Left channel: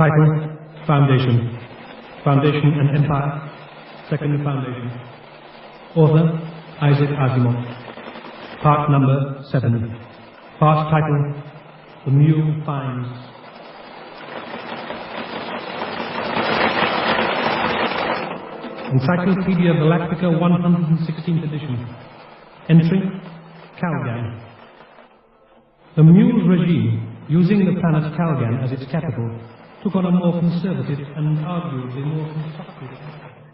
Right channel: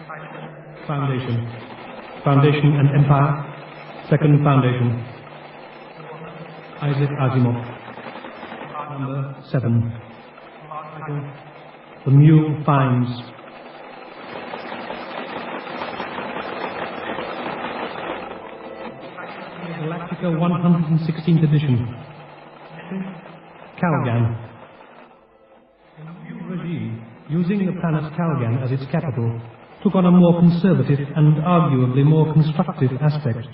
Title, Foundation. Foundation and Empire, Second Foundation. Author, Isaac Asimov. Part number 7. Part title, The Mule Finds. Encyclopedia Galactica 116th edition. Entry, Calgan. The Mule's regime, using the planet Calgan as its capital, took on a more conservative and arguably more constructive aspect.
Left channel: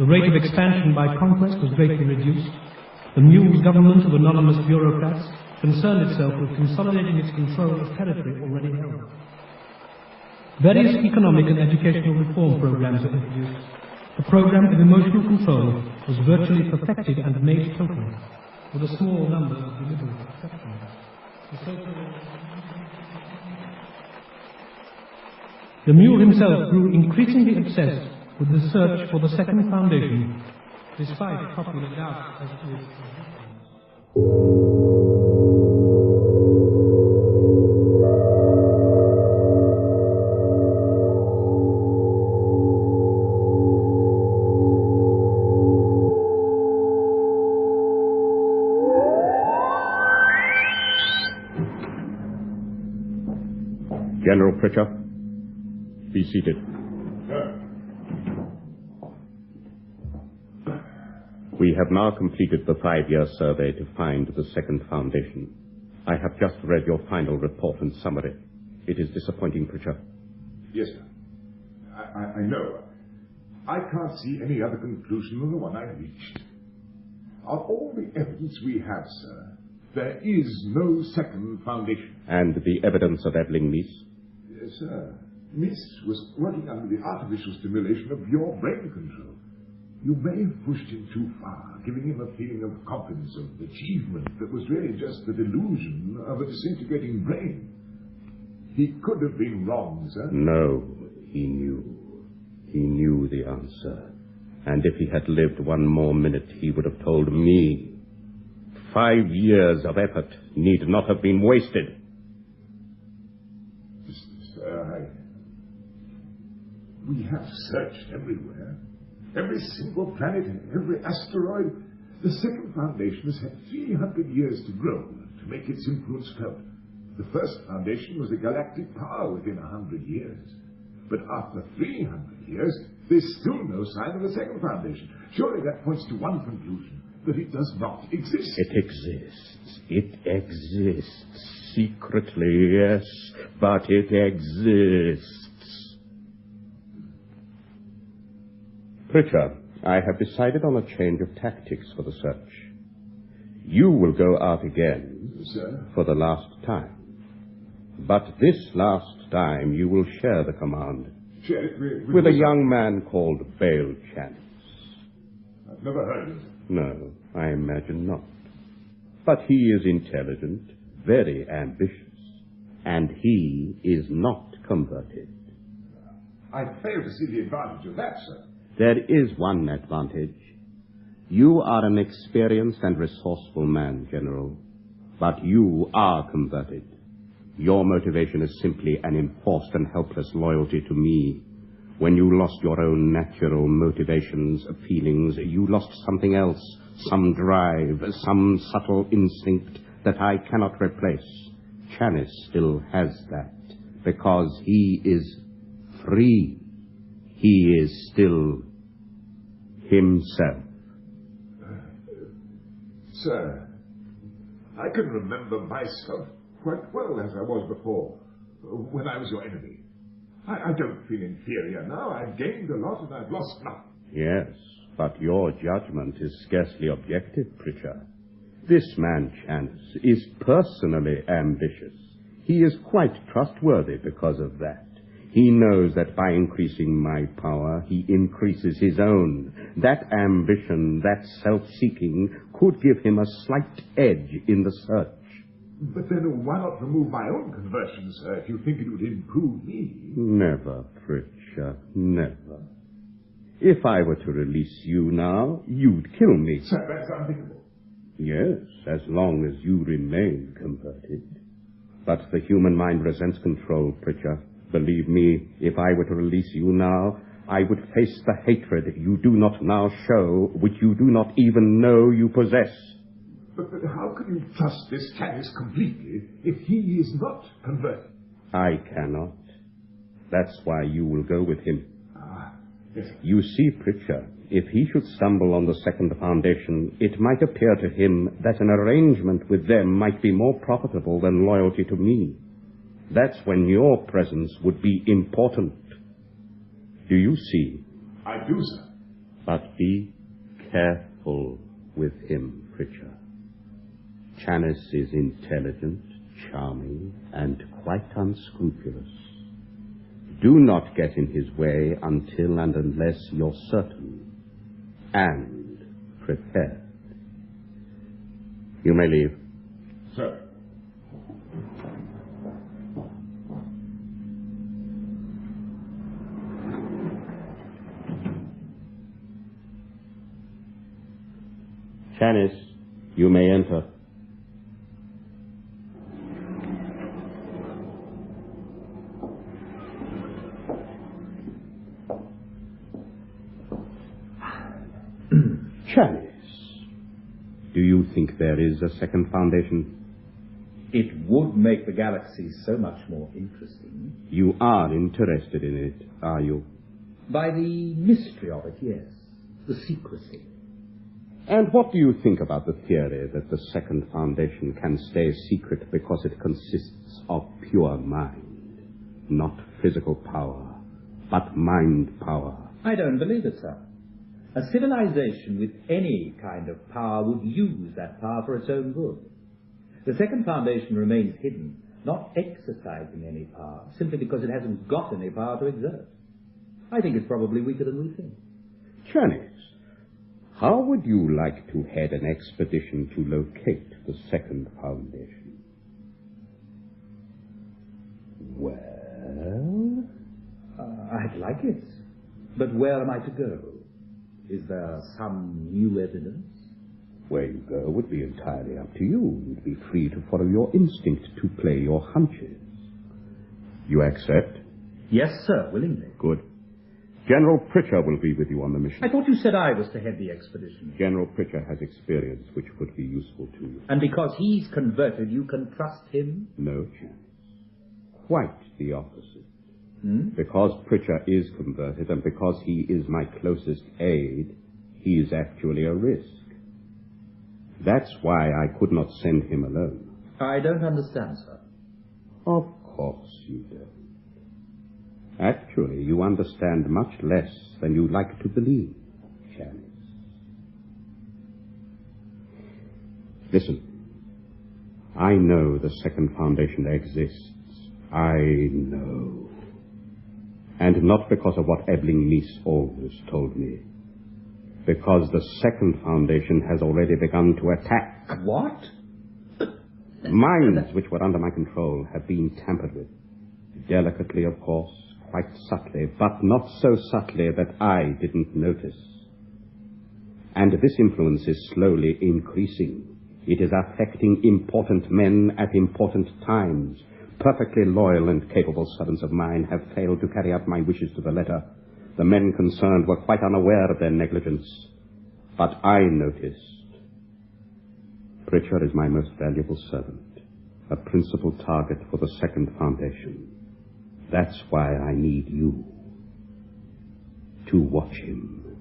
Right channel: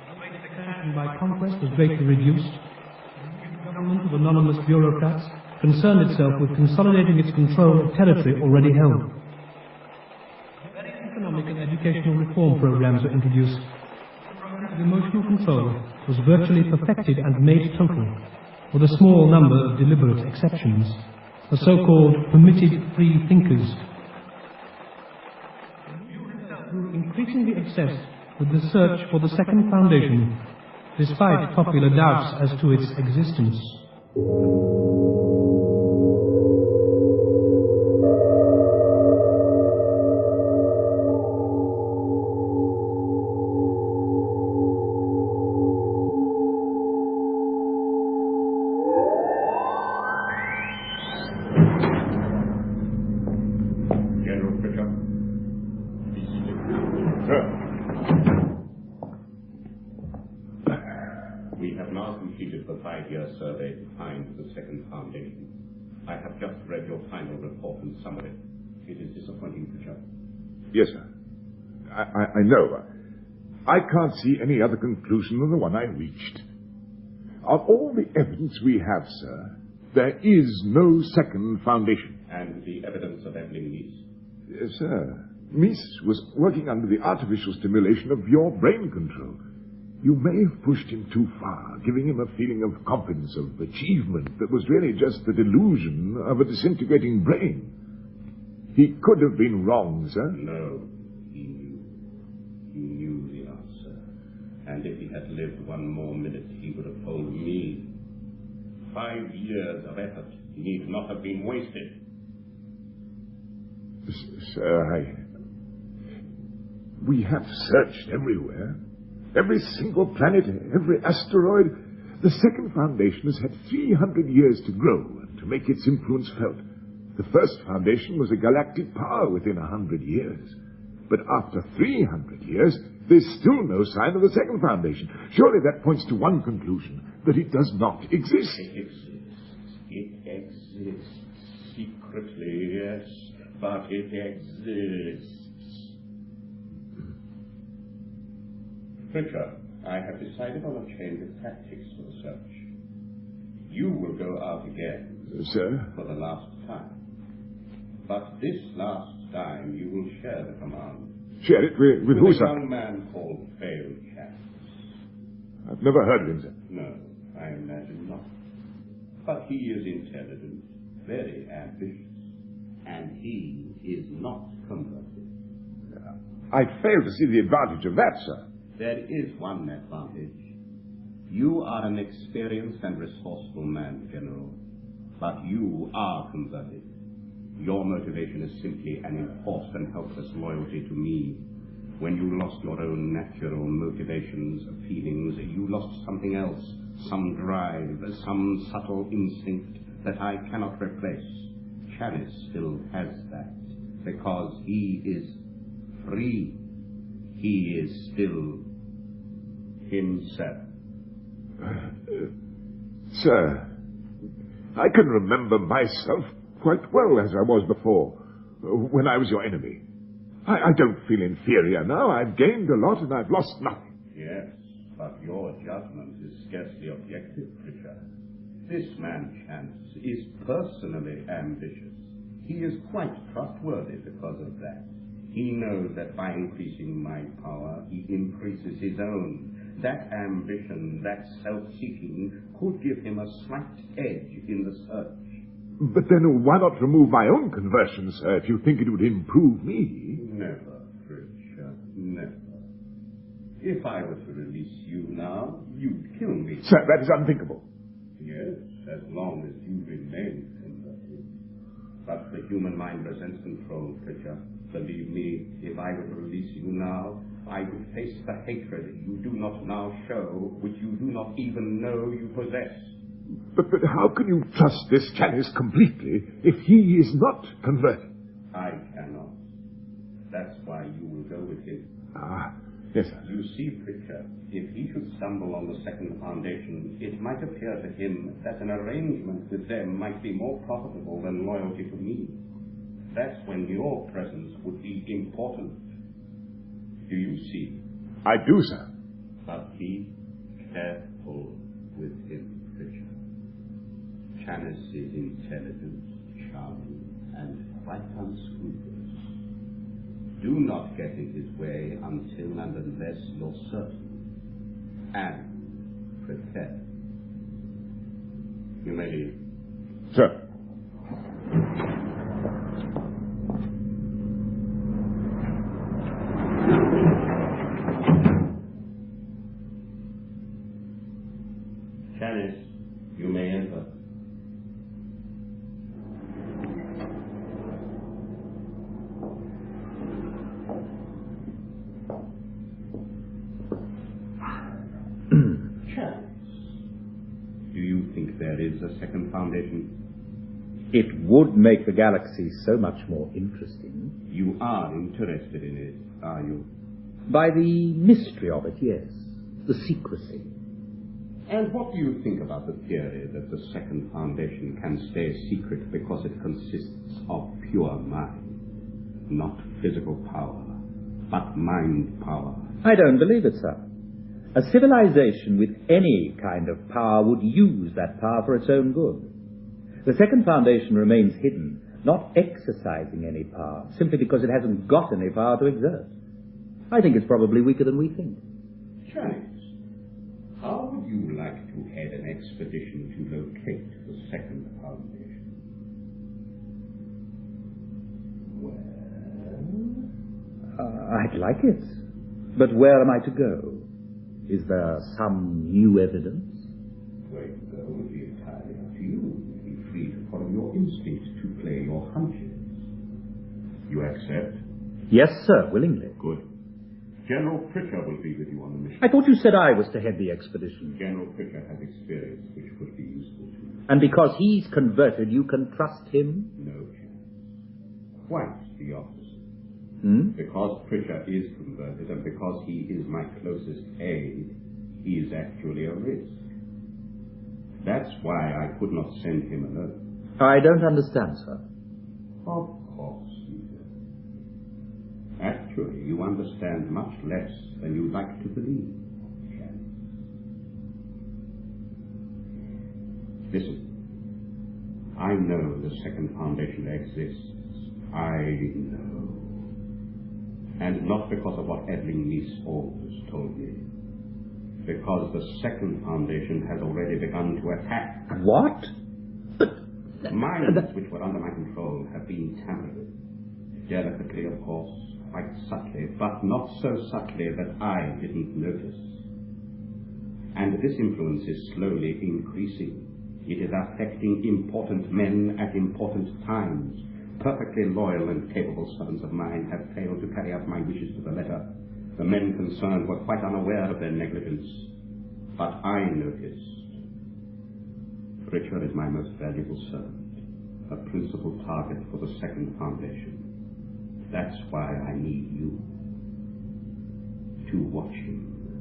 The rate of expansion by conquest was greatly reduced. The Mule's government of anonymous bureaucrats concerned itself with consolidating its control of territory already held. Various economic and educational reform programs were introduced. The program of emotional control was virtually perfected and made total, with a small number of deliberate exceptions, the so-called permitted free thinkers. The Mule himself grew increasingly obsessed with the search for the Second Foundation, despite popular doubts as to its existence. General Pritchard, be seated. We have now completed the 5-year survey to find the Second Foundation. I have just read your final report and summary. It is disappointing, Pritchard. Yes, sir. I know. I can't see any other conclusion than the one I reached. Of all the evidence we have, sir, there is no Second Foundation. And the evidence of Evelyn Meese? Sir, Meese was working under the artificial stimulation of your brain control. You may have pushed him too far, giving him a feeling of competence, of achievement that was really just the delusion of a disintegrating brain. He could have been wrong, sir. No, he knew. He knew the answer. And if he had lived one more minute, he would have told me. 5 years of effort need not have been wasted. Sir, we have searched everywhere. Every single planet, every asteroid. The Second Foundation has had 300 years to grow and to make its influence felt. The first foundation was a galactic power within 100 years. But after 300 years, there's still no sign of the Second Foundation. Surely that points to one conclusion, that it does not exist. It exists. It exists. Secretly, yes, but it exists. Pritchard, I have decided on a change of tactics for the search. You will go out again, sir, for the last time. But this last time you will share the command. Share it with a young man called Bale Chance. I've never heard of him, sir. No, I imagine not. But he is intelligent, very ambitious, and he is not converted. I fail to see the advantage of that, sir. There is one advantage. You are an experienced and resourceful man, General, but you are converted. Your motivation is simply an enforced and helpless loyalty to me. When you lost your own natural motivations, feelings, you lost something else, some drive, some subtle instinct that I cannot replace. Chanice still has that, because he is free. He is still himself. Sir, I can remember myself quite well as I was before, when I was your enemy. I don't feel inferior now. I've gained a lot and I've lost nothing. Yes, but your judgment is scarcely objective, Pritchard. This man, Chance, is personally ambitious. He is quite trustworthy because of that. He knows that by increasing my power, he increases his own. That ambition, that self-seeking, could give him a slight edge in the search. But then why not remove my own conversion, sir, if you think it would improve me? Never, Pritchard, never. If I were to release you now, you'd kill me. Sir, that is unthinkable. Yes, as long as you remain converted. But the human mind resents control, Pritchard. Believe me, if I were to release you now, I would face the hatred you do not now show, which you do not even know you possess. But how can you trust this Chinese completely if he is not converted? I cannot. That's why you will go with him. Ah, yes, sir. You see, Pritchard, if he should stumble on the second foundation, it might appear to him that an arrangement with them might be more profitable than loyalty to me. That's when your presence would be important. Do you see? I do, sir. But be careful with him, Pritchard. Chanis is intelligent, charming, and quite unscrupulous. Do not get in his way until and unless you're certain and prepared. You may leave. Sir. Chanis, you may enter. Chanis, do you think there is a second foundation? It would make the galaxy so much more interesting. You are interested in it, are you? By the mystery of it, yes. The secrecy. And what do you think about the theory that the second foundation can stay secret because it consists of pure mind? Not physical power, but mind power. I don't believe it, sir. A civilization with any kind of power would use that power for its own good. The second foundation remains hidden, not exercising any power, simply because it hasn't got any power to exert. I think it's probably weaker than we think. Chanis, how would you like to head an expedition to locate the second foundation? Well, I'd like it. But where am I to go? Is there some new evidence? Where you go would be entirely up to you. You'd be free to follow your instinct, to play your hunches. You accept? Yes, sir, willingly. Good. General Pritchard will be with you on the mission. I thought you said I was to head the expedition. General Pritchard has experience which could be useful to you. And because he's converted, you can trust him? No chance. Quite the opposite. Because Pritchard is converted and because he is my closest aide, he is actually a risk. That's why I could not send him alone. I don't understand, sir. Of course you don't. Actually, you understand much less than you like to believe, Chanis. Listen. I know the second foundation exists. I know. And not because of what Eveling Meese always told me. Because the second foundation has already begun to attack. What? Minds which were under my control have been tampered with. Delicately, of course, quite subtly, but not so subtly that I didn't notice. And this influence is slowly increasing. It is affecting important men at important times. Perfectly loyal and capable servants of mine have failed to carry out my wishes to the letter. The men concerned were quite unaware of their negligence. But I noticed. Pritchard is my most valuable servant, a principal target for the second foundation. That's why I need you to watch him.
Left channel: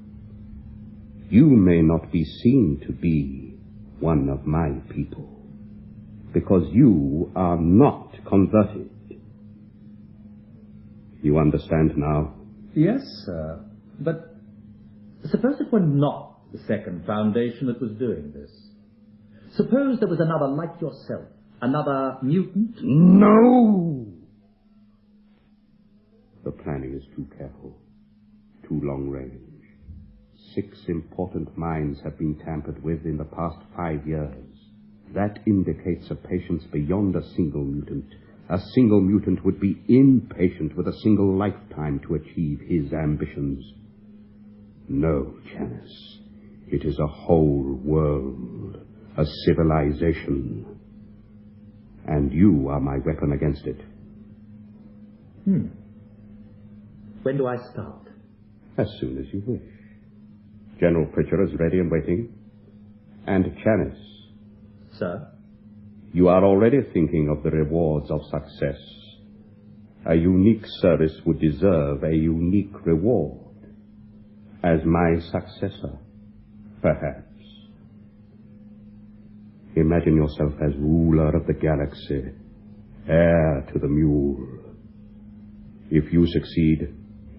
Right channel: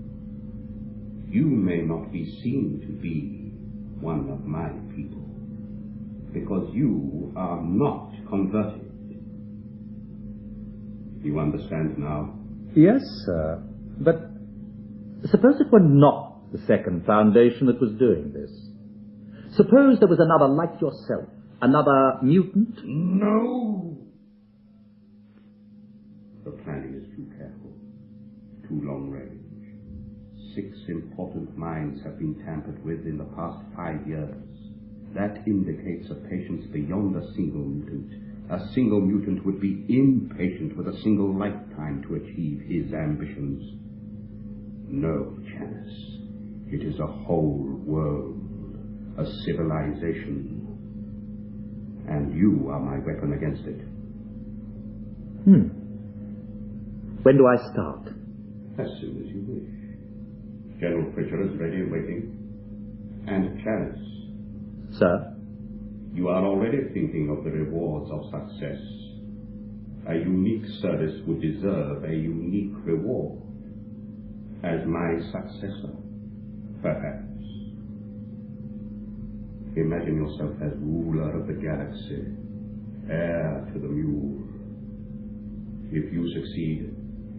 You may not be seen to be one of my people, because you are not converted. You understand now? Yes, sir. But suppose it were not the second foundation that was doing this. Suppose there was another like yourself, another mutant? No! The planning is too careful, too long range. 6 important minds have been tampered with in the past 5 years. That indicates a patience beyond a single mutant. A single mutant would be impatient with a single lifetime to achieve his ambitions. No, Chanis. It is a whole world, a civilization. And you are my weapon against it. When do I start? As soon as you wish. General Pritchard is ready and waiting. And Chanis. Sir? You are already thinking of the rewards of success. A unique service would deserve a unique reward. As my successor, perhaps. Imagine yourself as ruler of the galaxy, heir to the mule. If you succeed,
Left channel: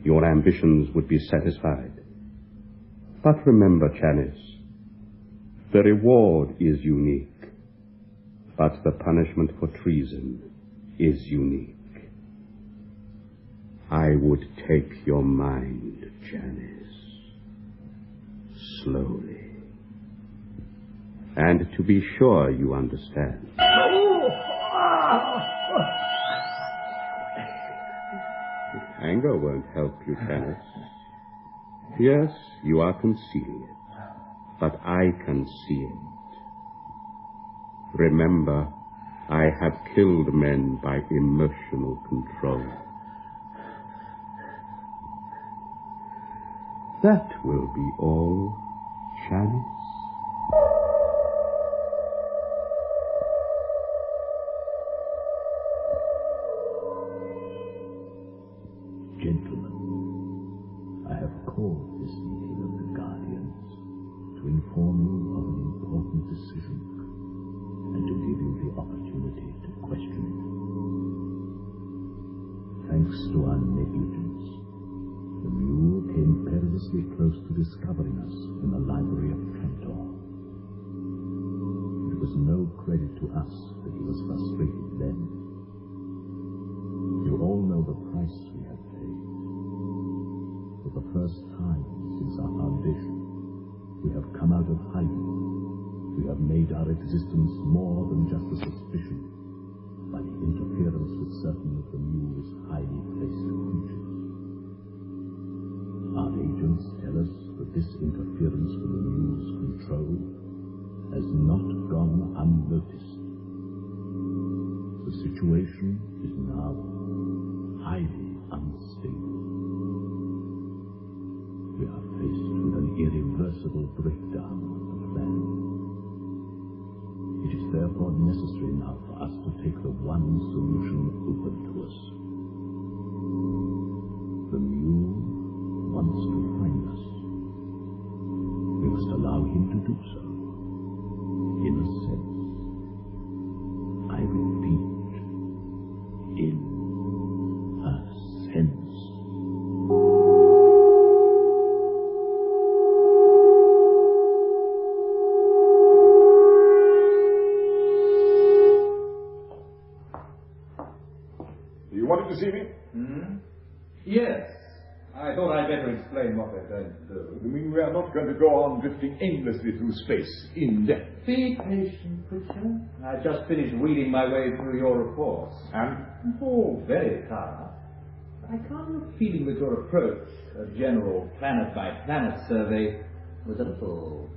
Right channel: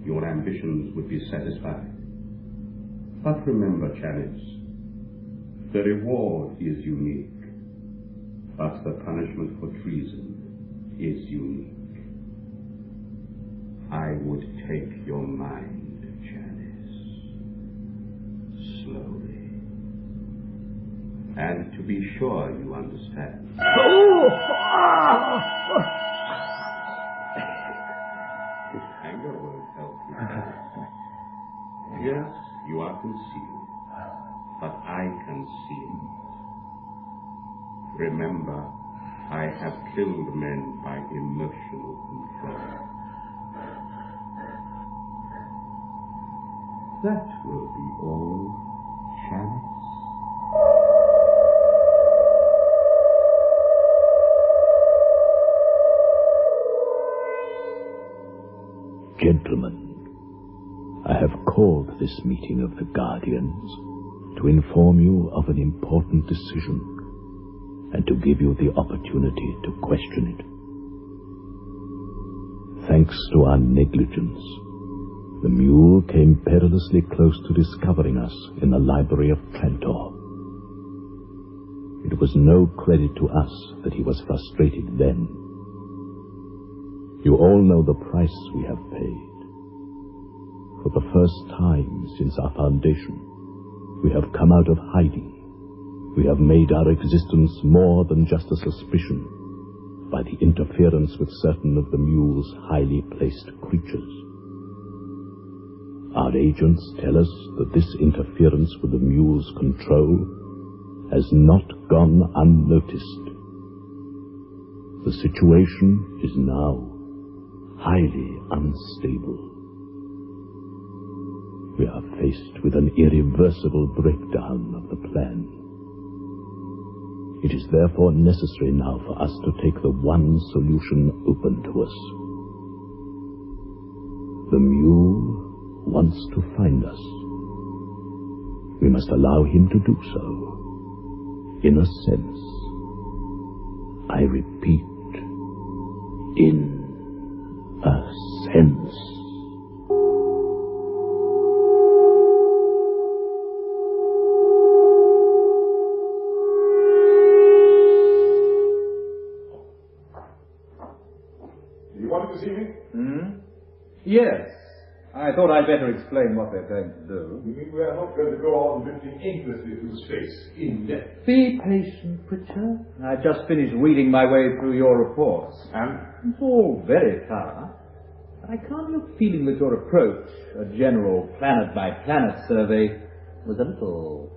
your ambitions would be satisfied. But remember, Chanis, the reward is unique, but the punishment for treason is unique. I would take your mind, Chanis, slowly. And to be sure you understand. Anger won't help you, Chanis. Yes, you are concealing it, but I can see it. Remember, I have killed men by emotional control. That will be all, Chanis. Gentlemen, I have called this meeting of the Guardians to inform you of an important decision and to give you the opportunity to question it. Thanks to our negligence, the mule came perilously close to discovering us in the library of Trantor. It was no credit to us that he was frustrated then. You all know the price we have paid. For the first time since our foundation, we have come out of hiding. We have made our existence more than just a suspicion by the interference with certain of the mule's highly placed creatures. Our agents tell us that this interference with the mule's control has not gone unnoticed. The situation is now highly unstable. We are faced with an irreversible breakdown of the plan. It is therefore necessary now for us to take the one solution open to us. The mule wants to find us. We must allow him to do so. In a sense. I repeat, in a sense. You wanted to see me? Yes. I thought I'd better explain what they're going to do. You mean we are not going to go on drifting aimlessly through space, in depth? Be patient, Pritchard. I just finished reading my way through your reports. And? It's all very thorough. I can't help feeling that your approach, a general planet-by-planet survey, was a little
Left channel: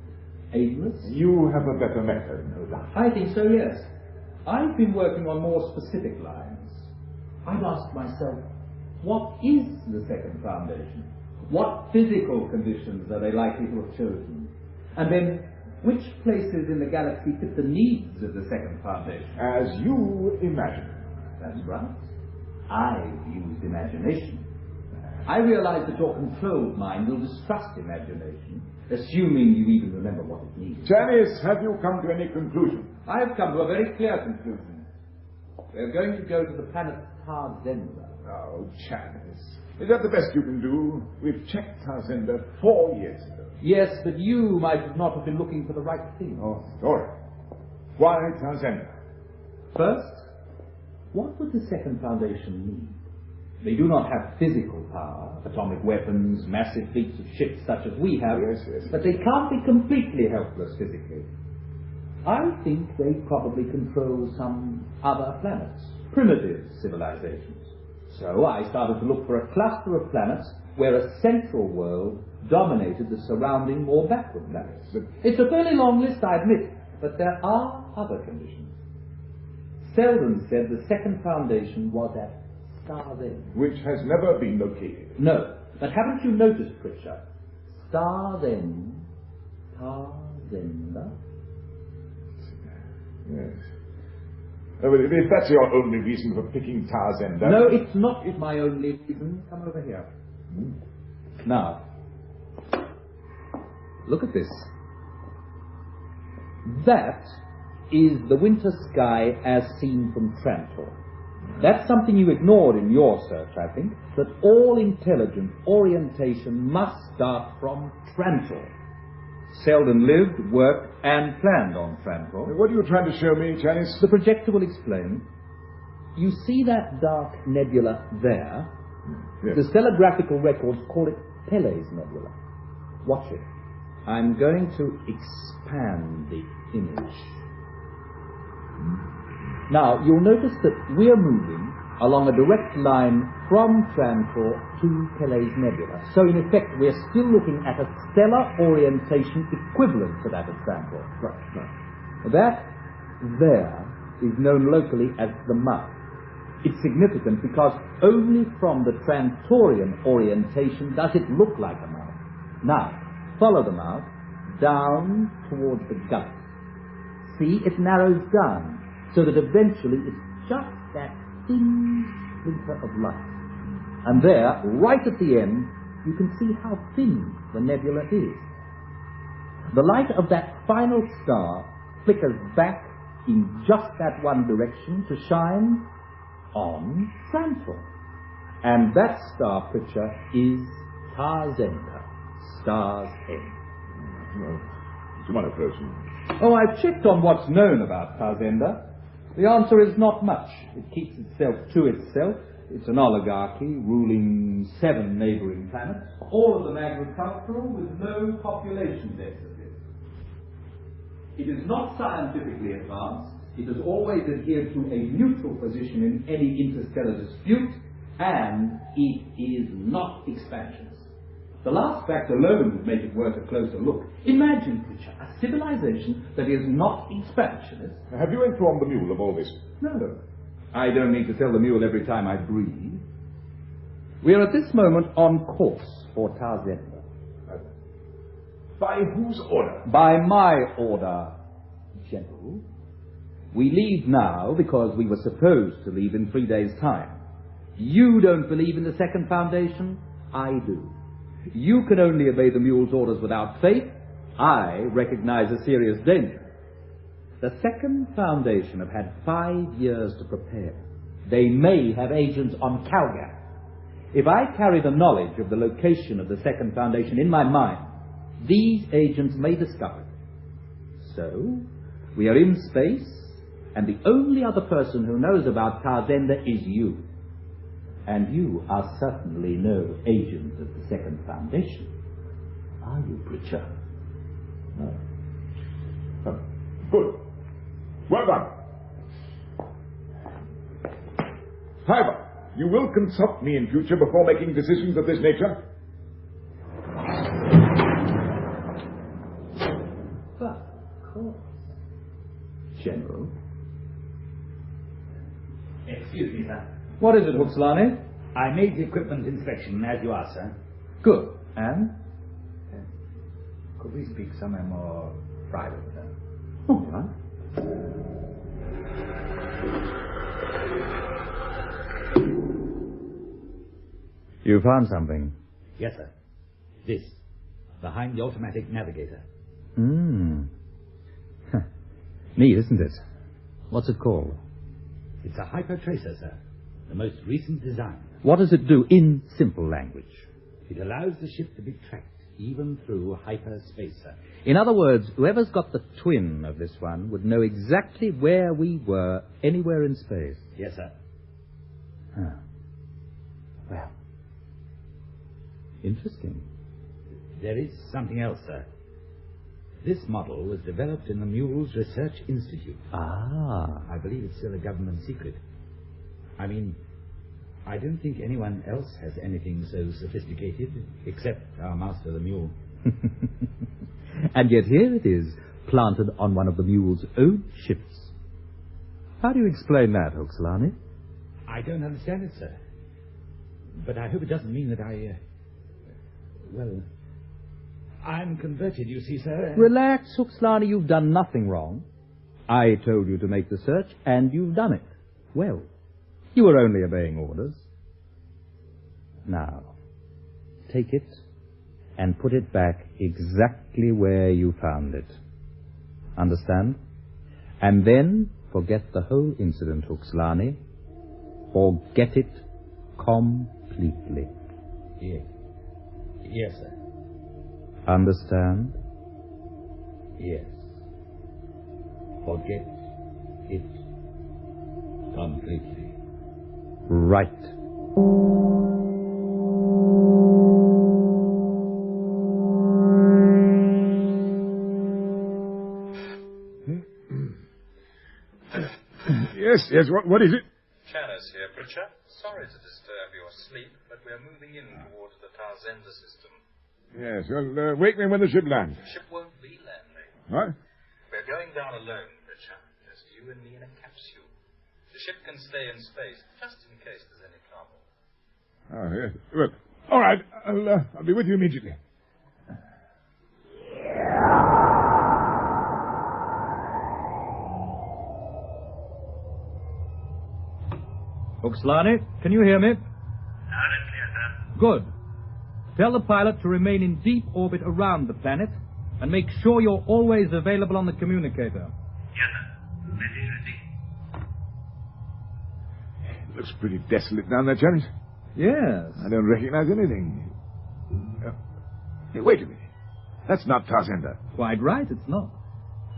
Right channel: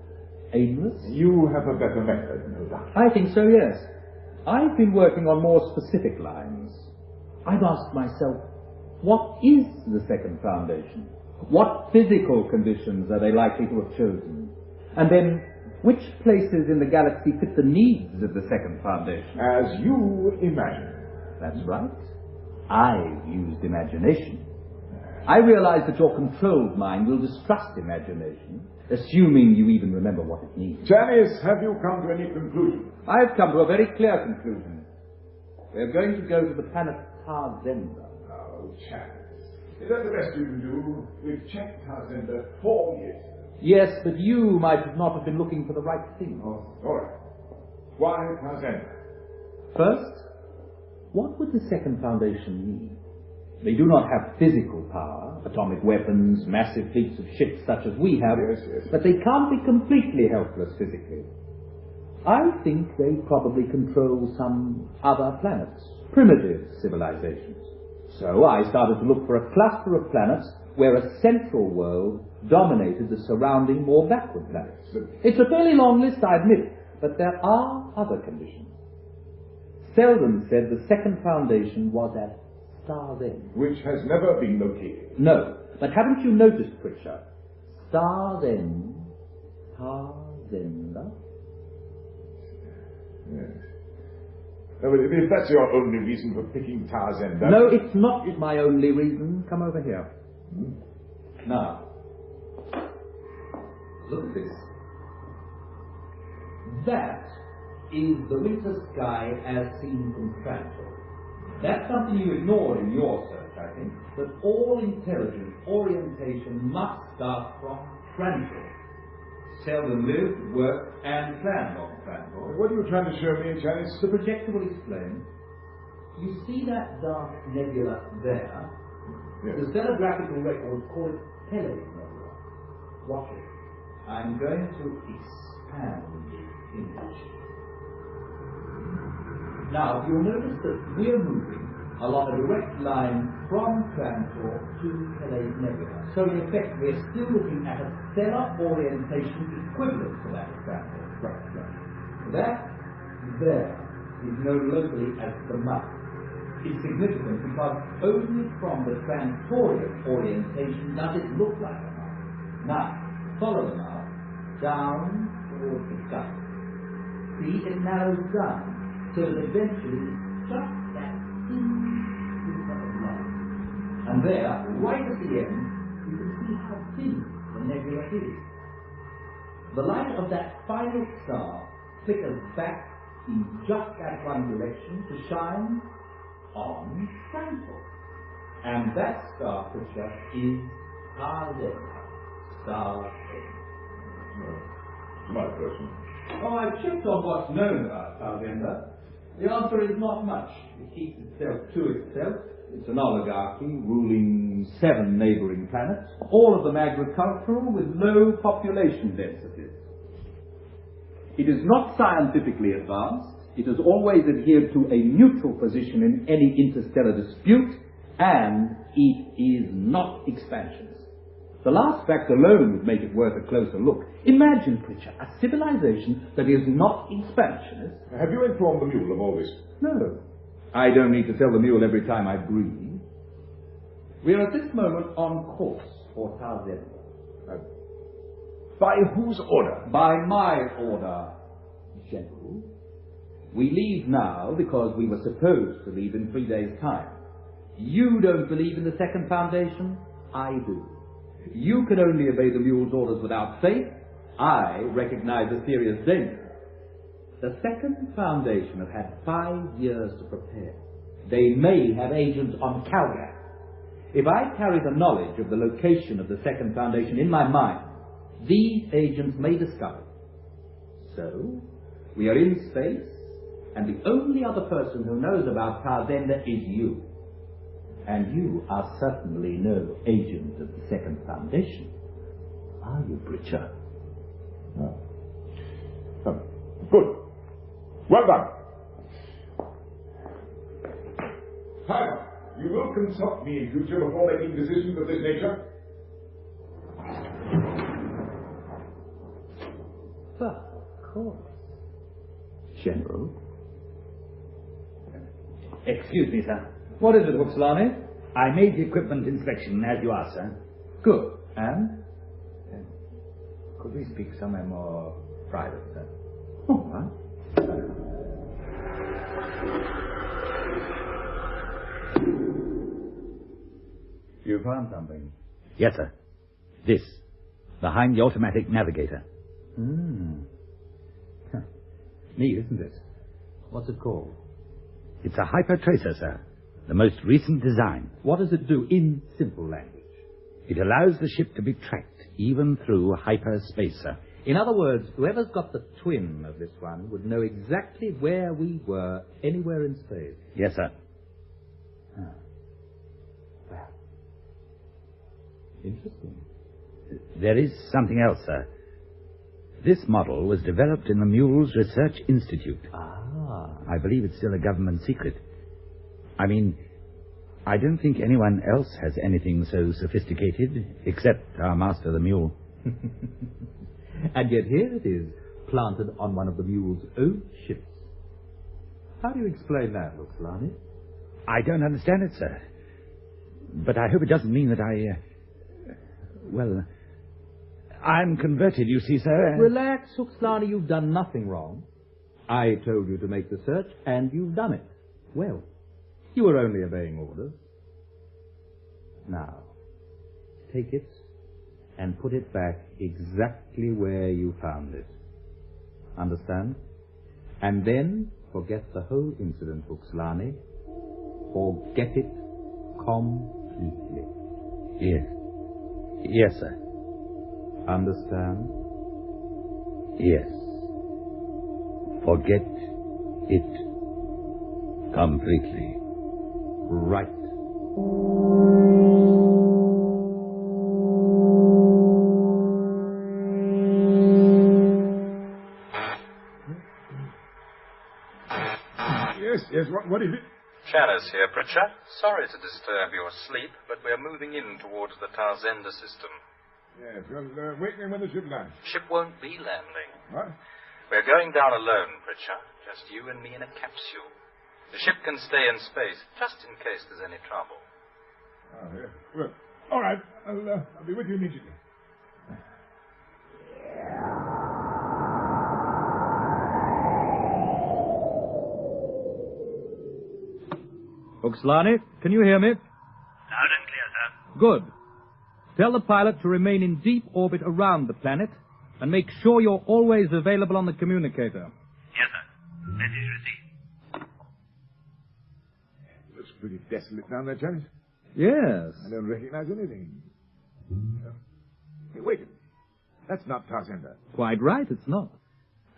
aimless. You have a better method, no doubt. I think so, yes. I've been working on more specific lines. I've asked myself, what is the second foundation? What physical conditions are they likely to have chosen? And then, which places in the galaxy fit the needs of the second foundation? As you imagine. That's right. I've used imagination. I realize that your controlled mind will distrust imagination, assuming you even remember what it means. Chanis, have you come to any conclusion? I've come to a very clear conclusion. We're going to go to the planet Tarzenda. Oh, Chanis. Is that the best you can do? We've checked Tarzenda 4 years ago. Yes, but you might not have been looking for the right thing. Oh, all right. Why Tarzenda? First, what would the second foundation need? They do not have physical power, atomic weapons, massive fleets of ships such as we have, Yes. but they can't be completely helpless physically. I think they probably control some other planets, primitive civilizations. So I started to look for a cluster of planets where a central world dominated the surrounding, more backward planets. It's a fairly long list, I admit, but there are other conditions. Seldon said the second foundation was at star's end. Which has never been located. No, but haven't you noticed, Pritchard? Star's end, Tarzenda? Yes. Oh, well, if that's your only reason for picking Tarzenda... No, it's not my only reason. Come over here. Now, look at this. That is the winter sky as seen from Trantor. That's something you ignored in your search, I think, that all intelligent orientation must start from Trantor. Seldon lived, worked, and planned on Trantor. What are you trying to show me, Janice? The projector will explain. You see that dark nebula there? Yes. The stellographical records call it Pele's Nebula. Watch it. I'm going to expand the image. Now, you'll notice that we're moving along a direct line from Trantor to Pele's Nebula. So, in effect, we're still looking at a stellar orientation equivalent to that of Trantor. Right. That there is known locally as the mouth. It's significant because only from the Trantorian orientation does it look like a mouth. Now, follow the mouth down towards the gut. See, it narrows down so that eventually it's just that thin splinter of light. And there, right at the end, you can see how thin the nebula is. The light of that final star flickers back in just that one direction to shine on Trantor. And that star picture is Tarzenda, star's end. No. To my person. Oh, I've checked on what's known about Tarzenda. The answer is not much. It keeps itself to itself. It's an oligarchy ruling 7 neighboring planets, all of them agricultural with low population densities. It is not scientifically advanced. It has always adhered to a neutral position in any interstellar dispute, and it is not expansionist. The last fact alone would make it worth a closer look. Imagine, Pritchard, a civilization that is not expansionist. Have you informed the mule of all this? No. I don't need to tell the mule every time I breathe. We are at this moment on course for Tarzenda. By whose order? By my order, General. We leave now because we were supposed to leave in 3 days' time. You don't believe in the second foundation? I do. You can only obey the mule's orders without faith. I recognize a serious danger. The second foundation have had 5 years to prepare. They may have agents on Calgary. If I carry the knowledge of the location of the second foundation in my mind, these agents may discover it. So, we are in space, and the only other person who knows about Tarzenda is you. And you are certainly no agent of the second foundation. Are you, Pritchard? No. Good. Well done. However, you will consult me in future before making decisions of this nature? Well, of course. General? Excuse me, sir. What is it, Huxlani? I made the equipment inspection as you asked, sir. Good. And? Could we speak somewhere more private, sir? All right. You found something? Yes, sir. This. Behind the automatic navigator. Hmm. Neat, isn't it? What's it called? It's a hypertracer, sir. The most recent design. What does it do in simple language? It allows the ship to be tracked, even through hyperspace, sir. In other words, whoever's got the twin of this one would know exactly where we were anywhere in space. Yes, sir. Huh. Well, interesting. There is something else, sir. This model was developed in the Mules Research Institute. Ah. I believe it's still a government secret. I mean, I don't think anyone else has anything so sophisticated, except our master, the mule. And yet here it is, planted on one of the mule's own ships. How do you explain that, Huxlani? I don't understand it, sir. But I hope it doesn't mean that well, I'm converted, you see, sir. Relax, Huxlani, you've done nothing wrong. I told you to make the search, and you've done it. Well, you were only obeying orders. Now, take it and put it back exactly where you found it. Understand? And then forget the whole incident, Huxlani. Forget it completely. Yes. Yes, sir. Understand? Yes. Forget it completely. Right. Yes, what is it? Chalice here, Pritchard. Sorry to disturb your sleep, but we're moving in towards the Tarzenda system. Yes, well, wake me when the ship lands. Ship won't be landing. What? We're going down alone, Pritchard. Just you and me in a capsule. The ship can stay in space, just in case there's any trouble. Oh, yes. Well, all right, I'll be with you immediately. Huxlani, can you hear me? Loud and clear, sir. Good. Tell the pilot to remain in deep orbit around the planet and make sure you're always available on the communicator. Yes, sir. Message received. It looks pretty desolate down there, Chalice. Yes. I don't recognize anything. Hey, wait a minute. That's not Tarzenda. Quite right, it's not.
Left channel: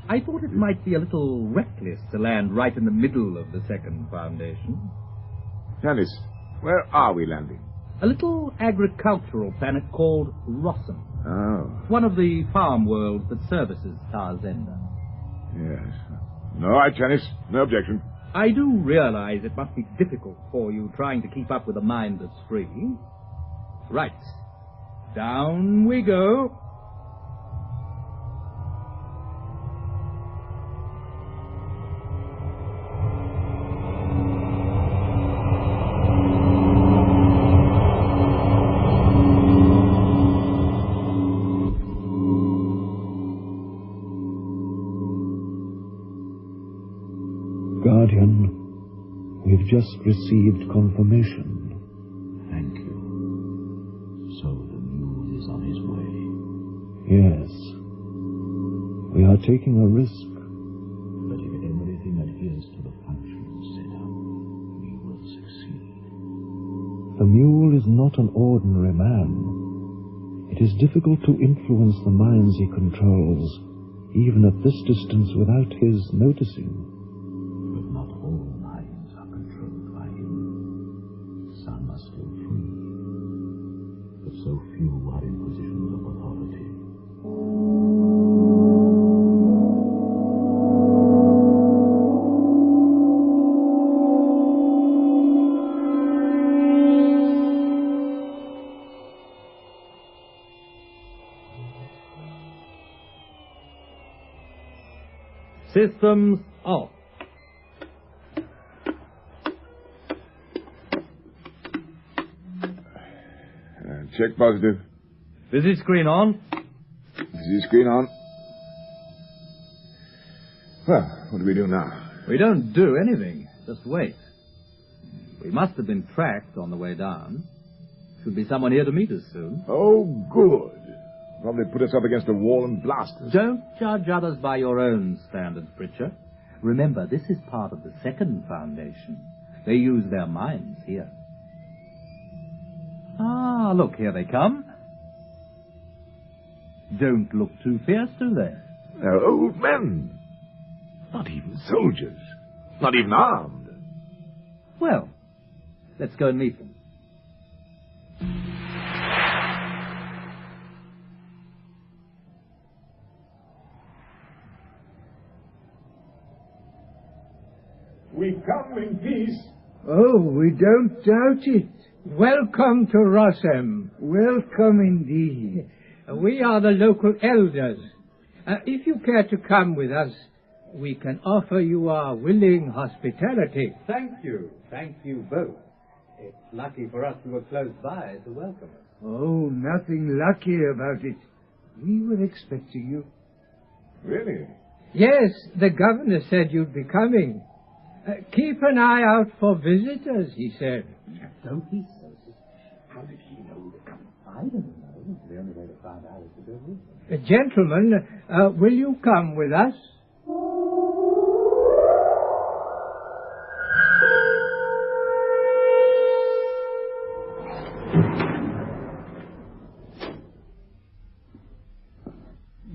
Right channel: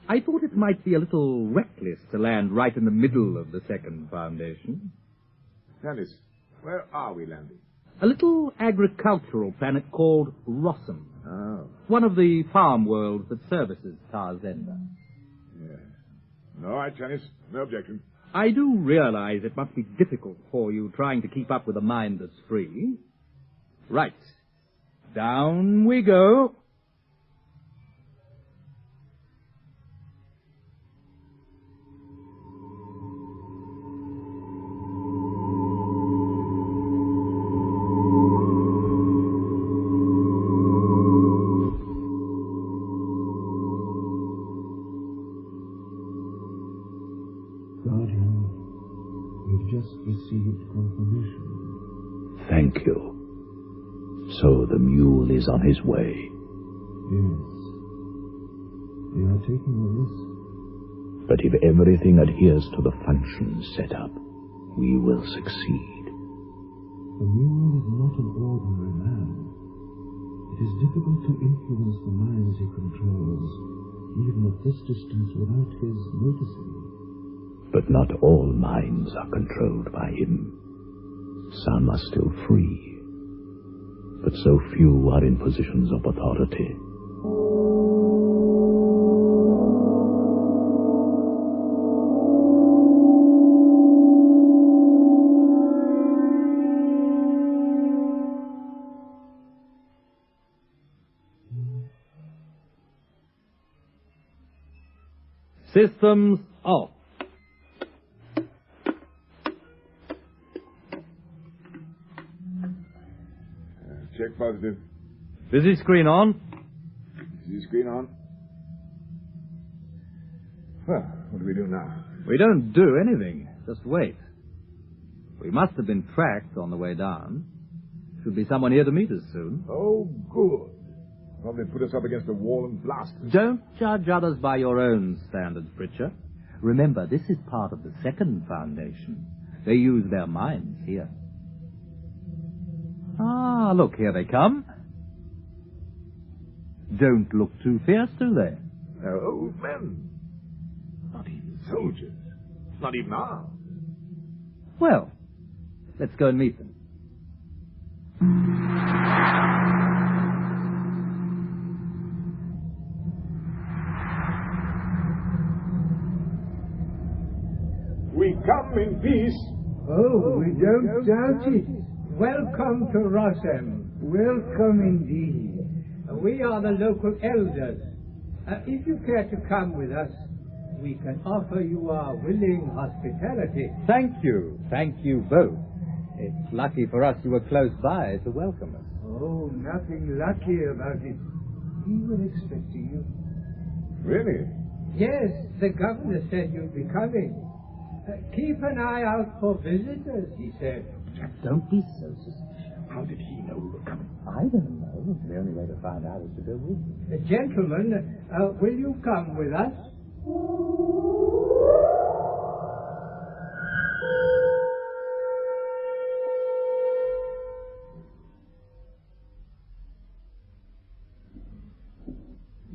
I thought it might be a little reckless to land right in the middle of the second foundation. Chalice, where are we landing? A little agricultural planet called Rossum. Oh. One of the farm worlds that services Tarzenda. Yes. No, all right, Chalice. No objection. I do realize it must be difficult for you trying to keep up with a mind that's free. Right. Down we go. Guardian, we've just received confirmation. Thank you. So the mule is on his way. Yes. We are taking a risk. But if everything adheres to the functions set up, we will succeed. The mule is not an ordinary man. It is difficult to influence the minds he controls, even at this distance without his noticing. But not all minds are controlled by him. Some are still free, but so few are in positions of authority. Systems off. Check positive. Busy screen on. Busy screen on. Well, what do we do now? We don't do anything. Just wait. We must have been tracked on the way down. Should be someone here to meet us soon. Oh, good. Probably put us up against a wall and blast us. Don't judge others by your own standards, Pritchard. Remember, this is part of the second foundation. They use their minds here. Ah, look, here they come. Don't look too fierce, do they? They're old men. Not even soldiers. Not even armed. Well, let's go and meet them. We come in peace. Oh, we don't doubt it. Welcome to Rossum. Welcome indeed. We are the local elders. If you care to come with us, we can offer you our willing hospitality. Thank you. Thank you both. It's lucky for us you were close by to welcome us. Oh, nothing lucky about it. We were expecting you. Really? Yes, the governor said you'd be coming. Keep an eye out for visitors, he said. Don't be so suspicious. How did he know we were coming? I don't know. The only way to find out is to go with him. Gentlemen, will you come with us?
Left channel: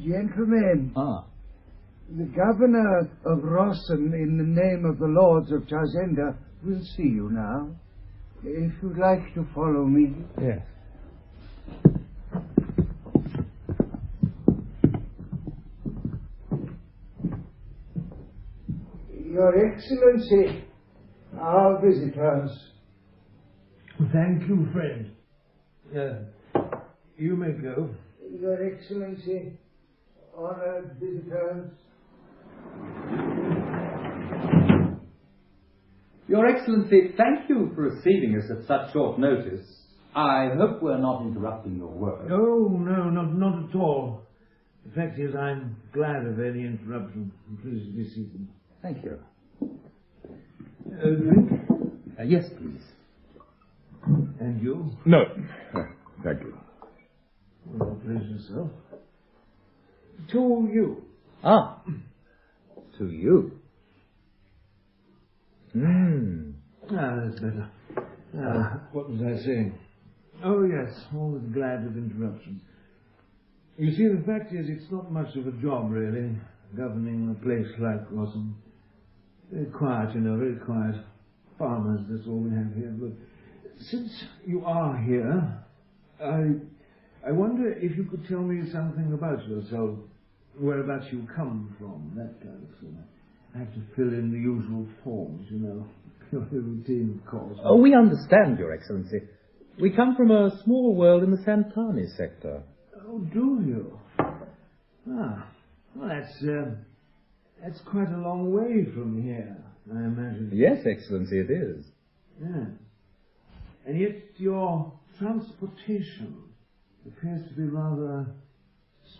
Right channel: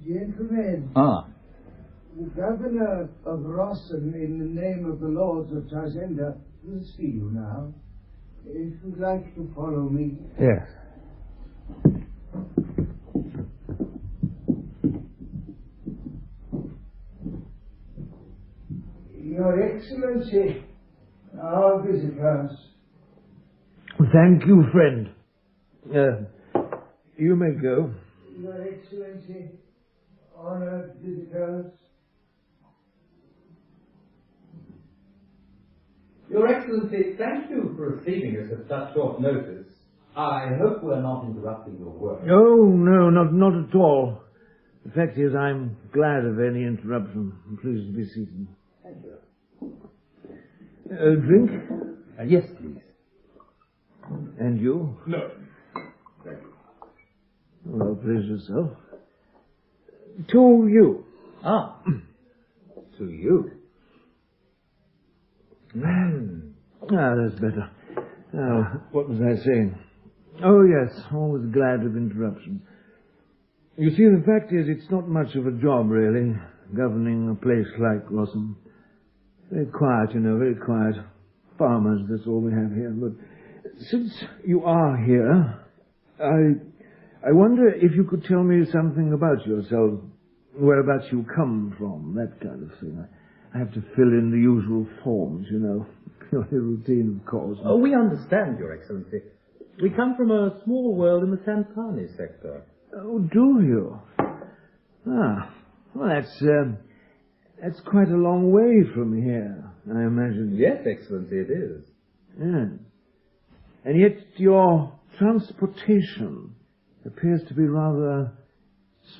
Gentlemen, the governor of Rossum, in the name of the lords of Tarzenda, will see you now. If you'd like to follow me. Yes. Your Excellency, our visitors. Thank you, friend. You may go. Your Excellency, honored visitors. Your Excellency, thank you for receiving us at such short notice. I hope we're not interrupting your work. Oh, no, not at all. The fact is, I'm glad of any interruption. Please be seated. Thank you. Drink? Yes, please. And you? No. Thank you. Well, please yourself. To you. To you. That's better. What was I saying? Oh, yes, always glad of interruptions. You see, the fact is, it's not much of a job, really, governing a place like Rossum. Very quiet, you know, very quiet. Farmers, that's all we have here. But since you are here, I wonder if you could tell me something about yourself, whereabouts you come from, that kind of thing. I have to fill in the usual forms, you know. Purely routine, of course. Oh, we understand, Your Excellency. We come from a small world in the Santani sector. Oh, do you? Well, that's quite a long way from here, I imagine. Yes, Excellency, it is. Yeah. And yet your transportation appears to be rather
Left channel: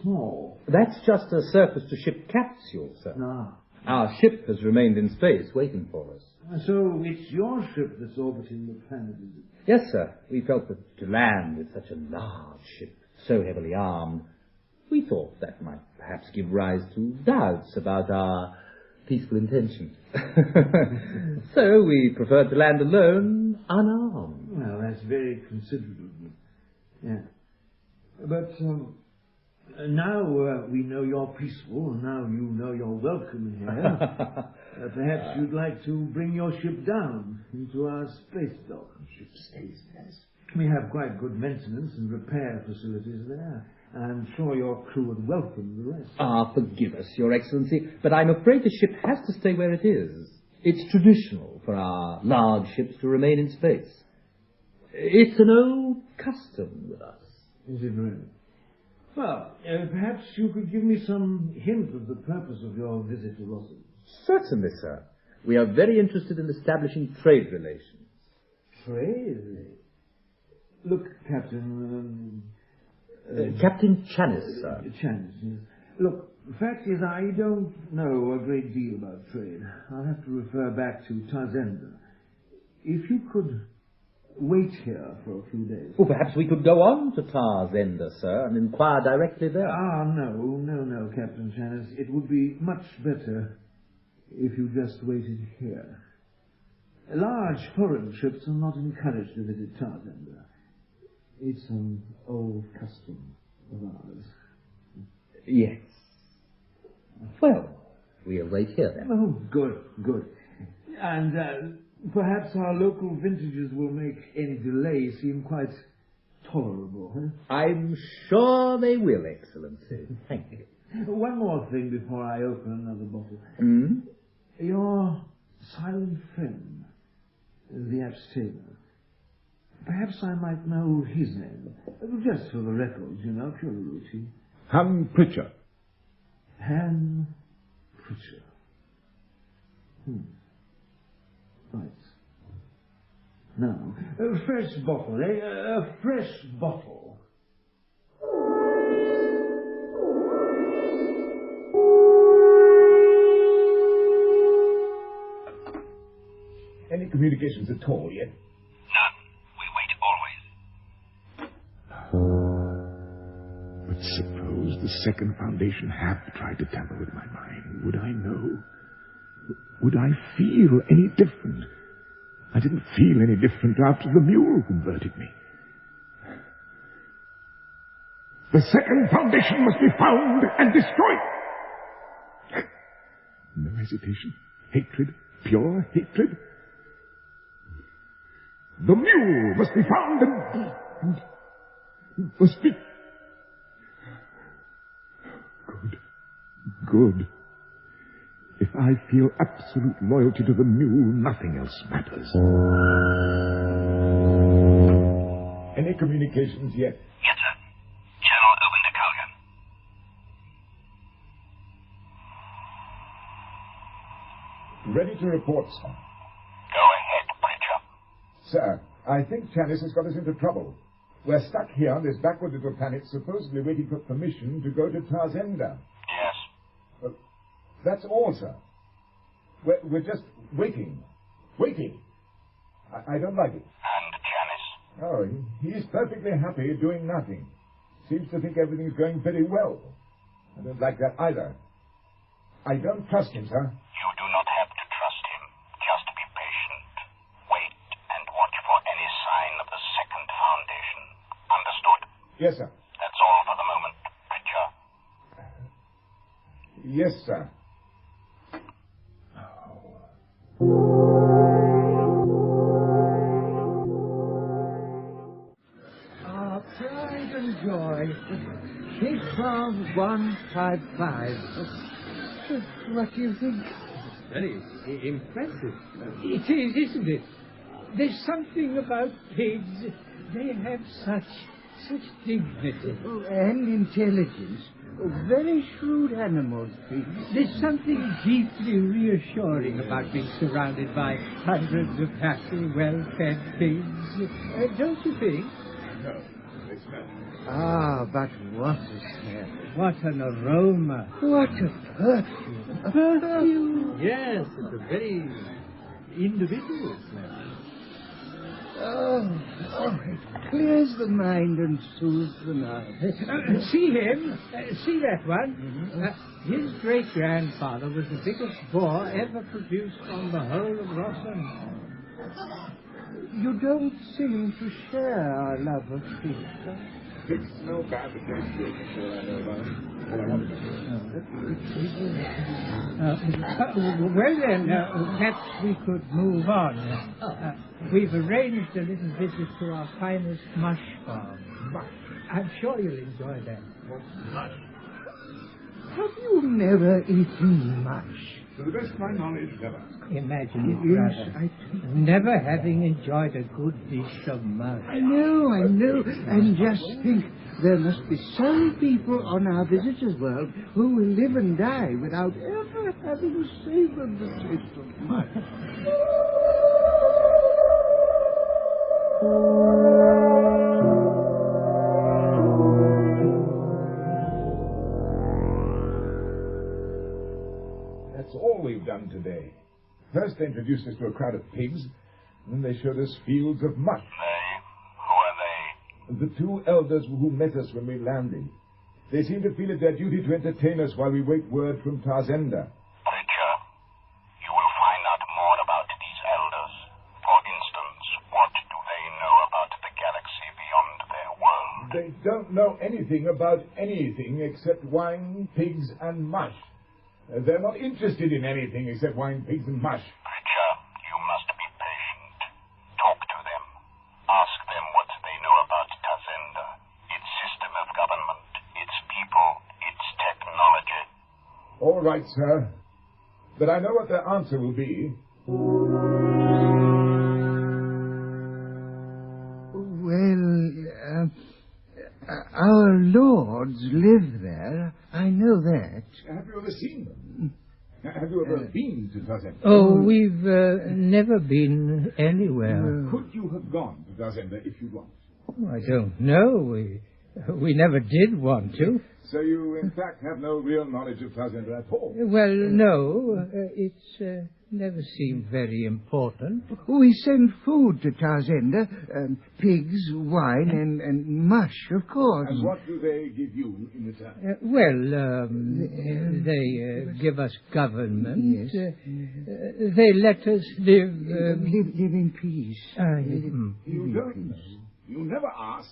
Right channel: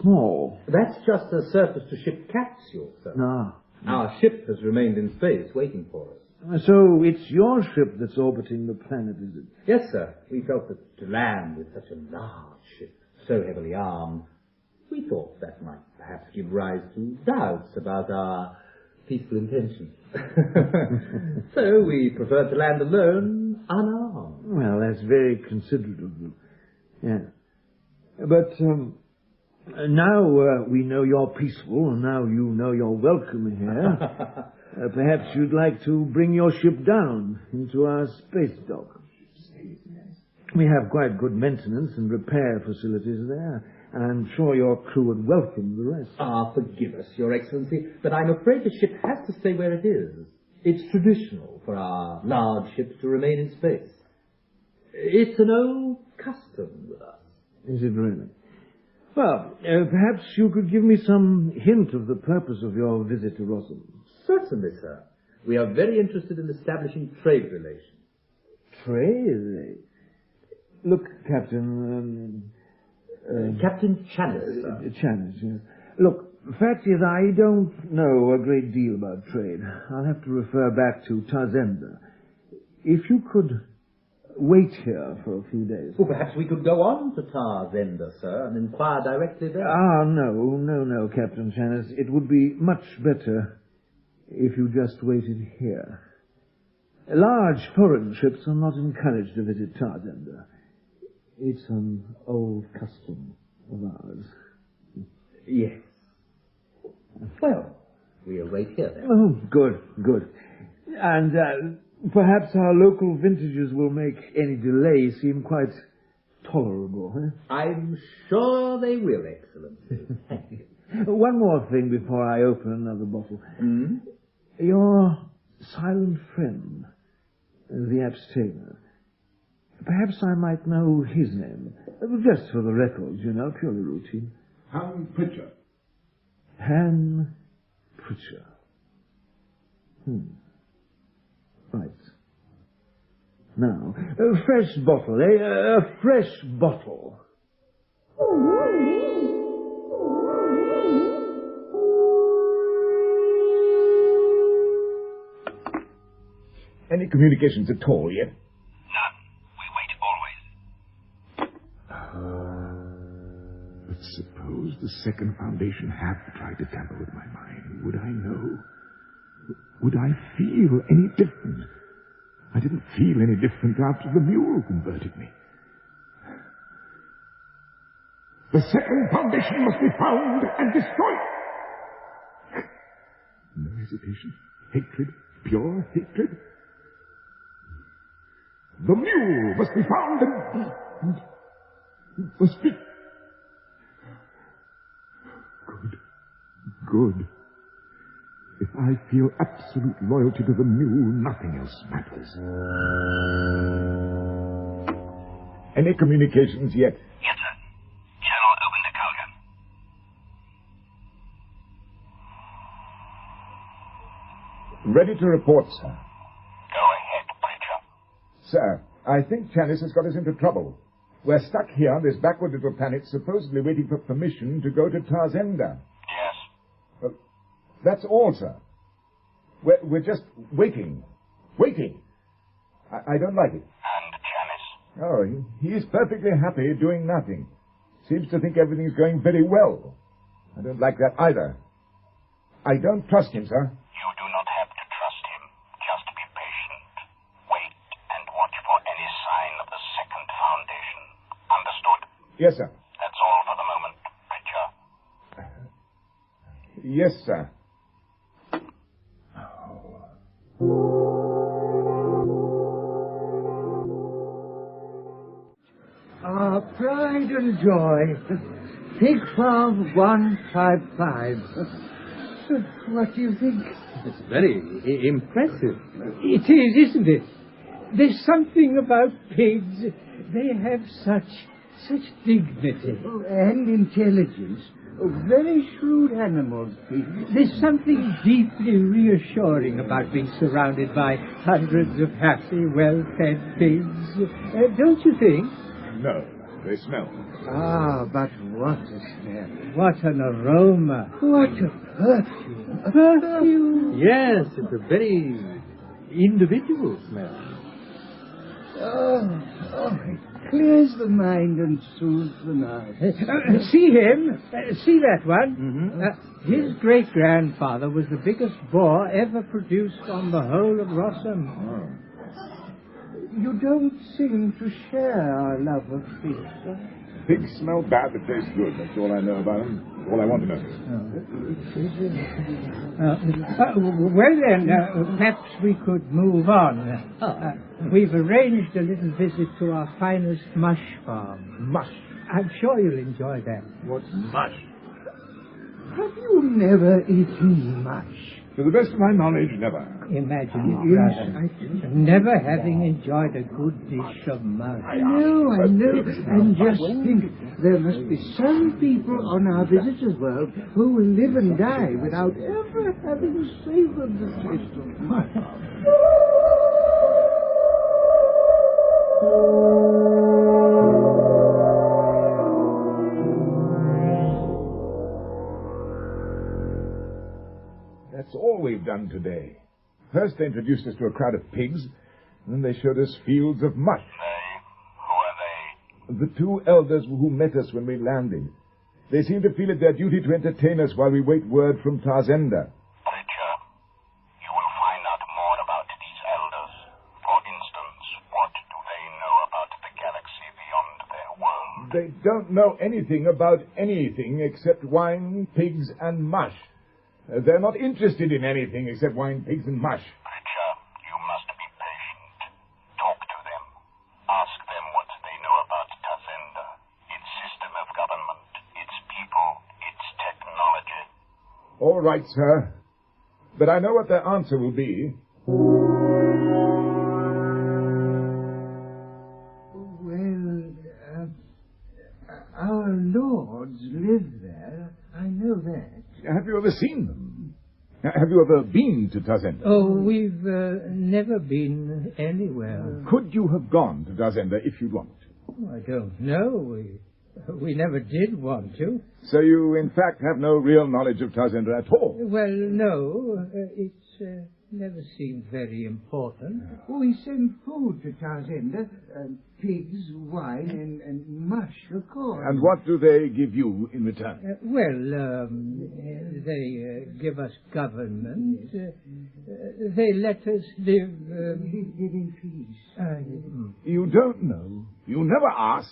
small. That's just a surface-to-ship capsule, sir. Ah. Our ship has remained in space, waiting for us. So it's your ship that's orbiting the planet, is it? Yes, sir. We felt that to land with such a large ship, so heavily armed, we thought that might perhaps give rise to doubts about our peaceful intentions. So we preferred to land alone, unarmed. Well, that's very considerate of you. Yeah. But now we know you're peaceful, and now you know you're welcome here. Perhaps you'd like to bring your ship down into our space dock. We have quite good maintenance and repair facilities there, and I'm sure your crew would welcome the rest. Forgive us, Your Excellency, but I'm afraid the ship has to stay where it is. It's traditional for our large ships to remain in space. It's an old custom with us. Is it really? Well, perhaps you could give me some hint of the purpose of your visit to Rossum. Certainly, sir. We are very interested in establishing trade relations. Trade? Look, Captain... Captain Channis, sir. Channis, yes. Look, the fact is I don't know a great deal about trade. I'll have to refer back to Tarzenda. If you could wait here for a few days. Well, perhaps we could go on to Tarzenda, sir, and inquire directly there. No, Captain Channis. It would be much better if you just waited here. Large foreign ships are not encouraged to visit Tarzenda. It's an old custom of ours. Yes. Well, we'll wait here then. Oh, good. And perhaps our local vintages will make any delay seem quite tolerable. Huh? I'm sure they will, Excellency. Thank you. One more thing before I open another bottle. Your silent friend, the abstainer. Perhaps I might know his name. Just for the records, you know, purely routine. Han Pritchard. Han Pritchard. Right. Now, a fresh bottle, eh? A fresh bottle. Any communications at all yet? None. We wait always. But suppose the second foundation had tried to tamper with my mind. Would I know? Would I feel any different? I didn't feel any different after the mule converted me. The second foundation must be found and destroyed. No hesitation. Hatred. Pure hatred. The mule must be found and must be... Good. If I feel absolute loyalty to the mule, nothing else matters. Any communications yet? Yes, sir. Channel open to Calgan. Ready to report, sir. Go ahead, Preacher. Sir, I think Chalice has got us into trouble. We're stuck here on this backward little planet, supposedly waiting for permission to go to Tarzenda. Yes. That's all, sir. We're just waiting. Waiting. I don't like it. And Chalice? Oh, he's perfectly happy doing nothing. Seems to think everything's going very well. I don't like that either. I don't trust him, sir. You do not have to trust him. Just be patient. Wait and watch for any sign of the second foundation. Understood? Yes, sir. That's all for the moment, Preacher. Yes, sir. Our pride and joy. Pig Farm 155. What do you think? It's very impressive. It is, isn't it? There's something about pigs. They have such dignity. Oh, and intelligence. Oh, very shrewd animals, pigs. There's something deeply reassuring about being surrounded by hundreds of happy, well-fed pigs. Don't you think? No, they smell. Ah, but what a smell. What an aroma. What a perfume. A perfume. Yes, it's a very individual smell. Oh, it clears the mind and soothes the nerves. See him? See that one? Mm-hmm. His great-grandfather was the biggest boar ever produced on the whole of Rossum. You don't seem to share our love of fish, sir. Pigs smell bad, but taste good. That's all I know about them. All I want to know. Well then, perhaps we could move on. We've arranged a little visit to our finest mush farm. Mush? I'm sure you'll enjoy that. What's mush? Have you never eaten mush? To the best of my knowledge, never. Imagine it, brother. Never having enjoyed a good dish of mush. I know. And just think, there must be some people on our visitors' world who will live and die without ever having savored the taste of mush. That's all we've done today. First they introduced us to a crowd of pigs, and then they showed us fields of mush. They? Who are they? The two elders who met us when we landed. They seem to feel it their duty to entertain us while we wait word from Tarzenda. Preacher, you will find out more about these elders. For instance, what do they know about the galaxy beyond their world? They don't know anything about anything except wine, pigs, and mush. They're not interested in anything except wine, pigs, and mush. Preacher, you must be patient. Talk to them. Ask them what they know about Tarzenda, its system of government, its people, its technology. All right, sir. But I know what their answer will be. Well, our lords live there. I know that. Have you ever seen them? Have you ever been to Tazenda? Oh, we've never been anywhere. Could you have gone to Tazenda if you'd wanted to? Oh, I don't know. We never did want to. So you, in fact, have no real knowledge of Tazenda at all? Well, no. It's never seemed very important. We send food to Tazenda, pigs, wine, and mush, of course. And what do they give you in return? They give us government. Yes. They let us live... live in peace. You don't know. You never ask.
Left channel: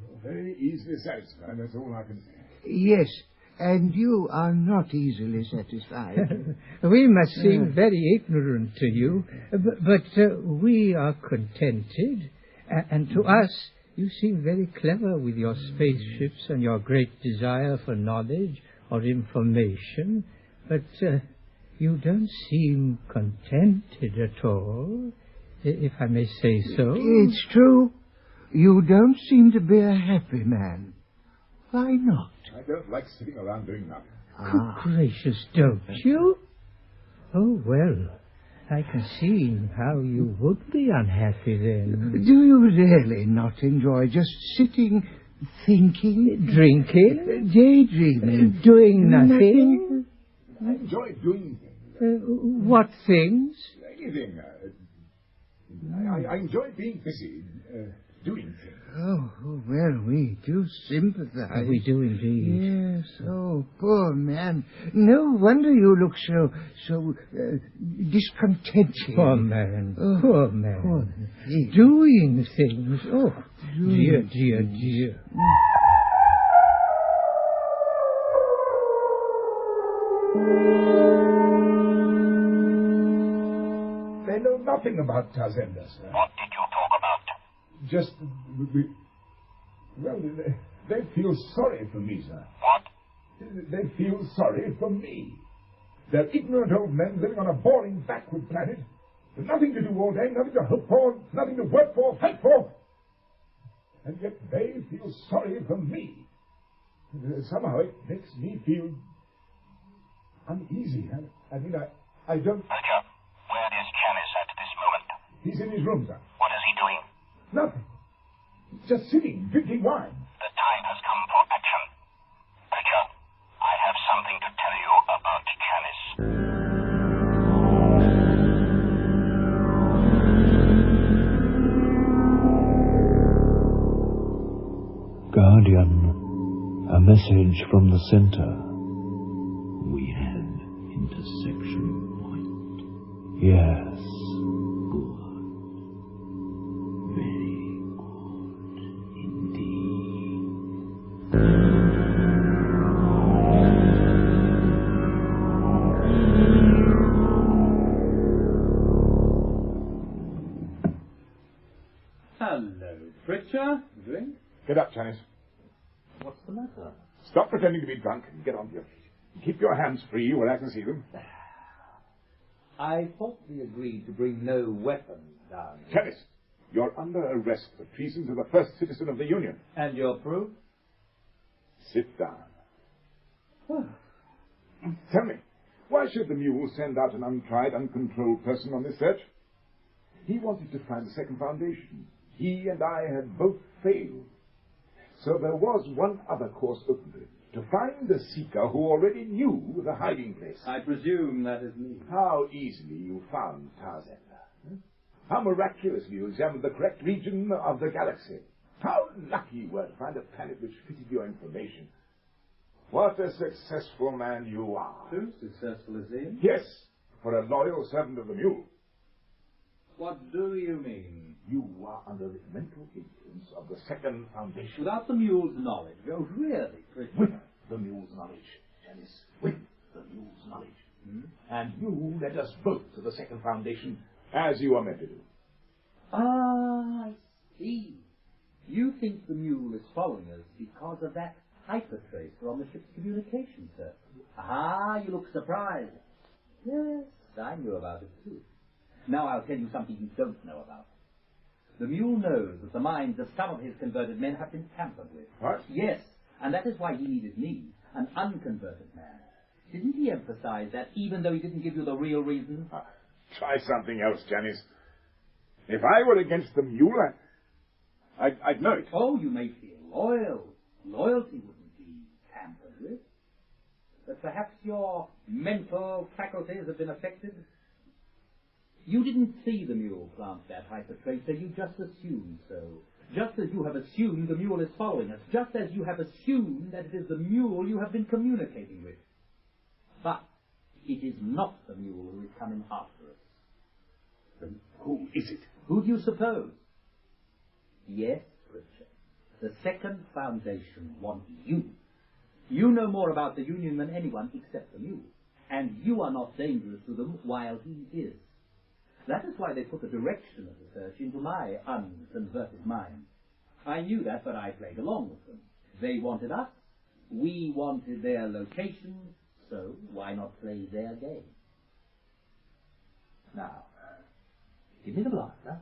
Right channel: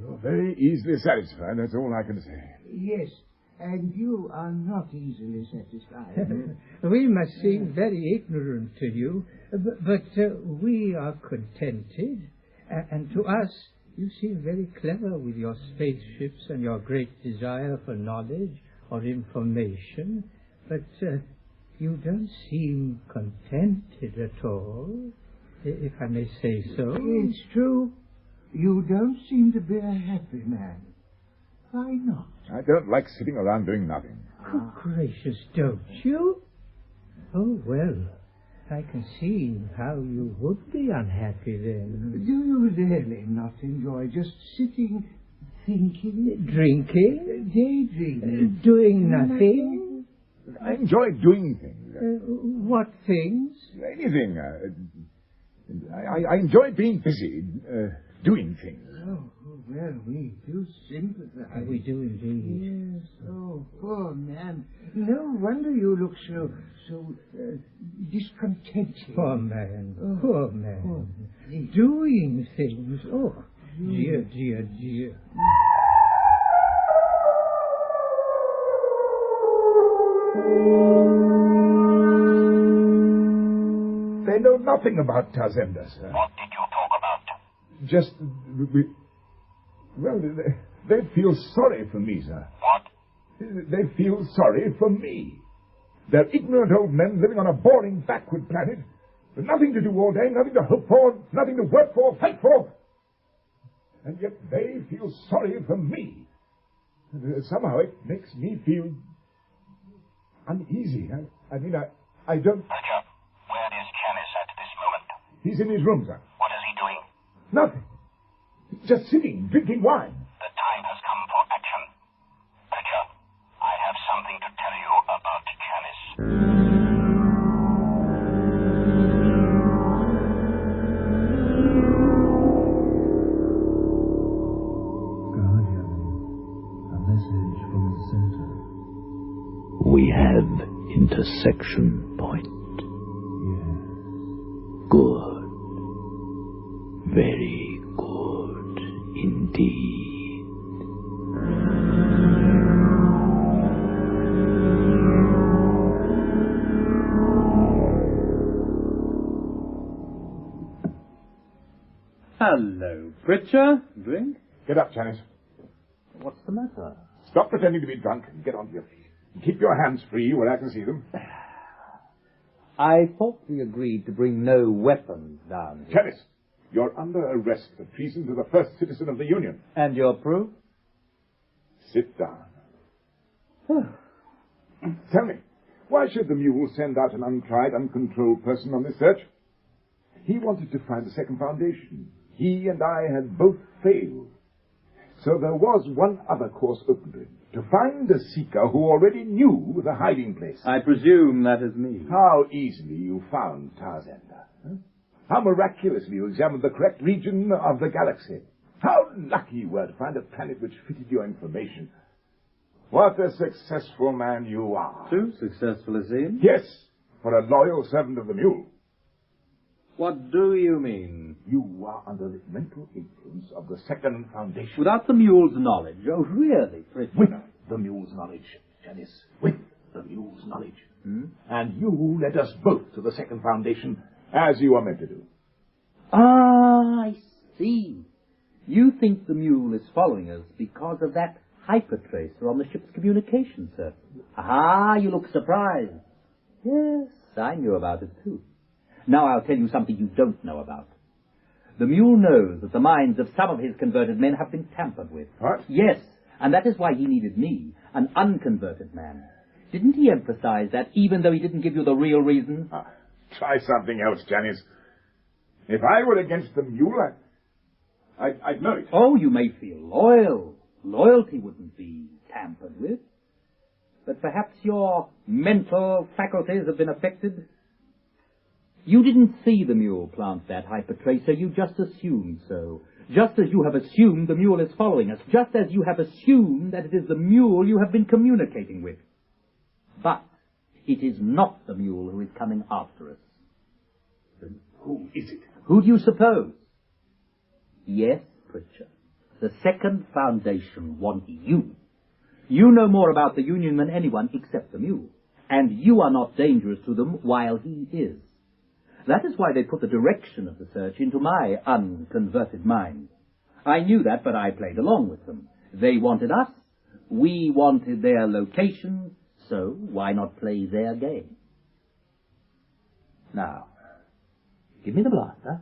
You're very easily satisfied, that's all I can say. Yes, and you are not easily satisfied. We must seem very ignorant to you, but we are contented, and to us you seem very clever with your spaceships and your great desire for knowledge or information, but you don't seem contented at all, if I may say so. It's true. You don't seem to be a happy man. Why not? I don't like sitting around doing nothing. Good gracious, don't you? Oh, well, I can see how you would be unhappy then. Do you really not enjoy just sitting, thinking? Drinking? Daydreaming? Doing nothing? I enjoy doing things. What things? Anything. I enjoy being busy, doing things. Oh, well, we do sympathize. We do indeed. Yes, oh, poor man. No wonder you look so discontented. Poor man, oh, poor man. Poor thing. Doing things. Oh, dear, dear, dear. They know nothing about Tazenda, sir. What did you talk about? Just, well, they feel sorry for me, sir. What? They feel sorry for me. They're ignorant old men living on a boring, backward planet, with nothing to do all day, nothing to hope for, nothing to work for, fight for. And yet they feel sorry for me. Somehow it makes me feel uneasy. I don't... Major, where is Janice at this moment? He's in his room, sir. What is he doing? Nothing. Just sitting, drinking wine. The time has come for action. Major, I have something to tell you about Janice. Guardian, a message from the center. We have intersection point. Yes. Good. Very good indeed. Hello, Pritchard. Drink? Get up, Janice. What's the matter? Stop pretending to be drunk and get on your feet. Keep your hands free where I can see them. I thought we agreed to bring no weapons down here. Janice, you're under arrest for treason to the first citizen of the Union. And your proof? Sit down. Tell me, why should the mule send out an untried, uncontrolled person on this search? He wanted to find the second foundation. He and I had both failed. So there was one other course open to him, to find a seeker who already knew the hiding place. I presume that is me. How easily you found Tazenda. Huh? How miraculously you examined the correct region of the galaxy. How lucky you were to find a planet which fitted your information. What a successful man you are. Too successful, it seems. Yes, for a loyal servant of the mule. What do you mean? You are under the mental influence of the second foundation. Without the mule's knowledge? Oh, really, Pritchard? With the mule's knowledge, Janice. With the mule's knowledge. And you led us both to the second foundation, as you were meant to do. Ah, I see. You think the mule is following us because of that hypertracer on the ship's communication circuit. Ah, you look surprised. Yes, I knew about it too. Now I'll tell you something you don't know about. The mule knows that the minds of some of his converted men have been tampered with. What? Yes, and that is why he needed me, an unconverted man. Didn't he emphasize that, even though he didn't give you the real reason? Try something else, Janice. If I were against the mule, I'd know it. Oh, you may feel loyal. Loyalty wouldn't be tampered with. But perhaps your mental faculties have been affected. You didn't see the mule plant that hypertracer, you just assumed so. Just as you have assumed the mule is following us, just as you have assumed that it is the mule you have been communicating with. But it is not the mule who is coming after us. Then who is it? Who do you suppose? Yes, Pritchard. The second foundation want you. You know more about the Union than anyone except the mule, and you are not dangerous to them while he is. That is why they put the direction of the search into my unconverted mind. I knew that, but I played along with them. They wanted us, we wanted their location, so why not play their game? Now, give me the blaster.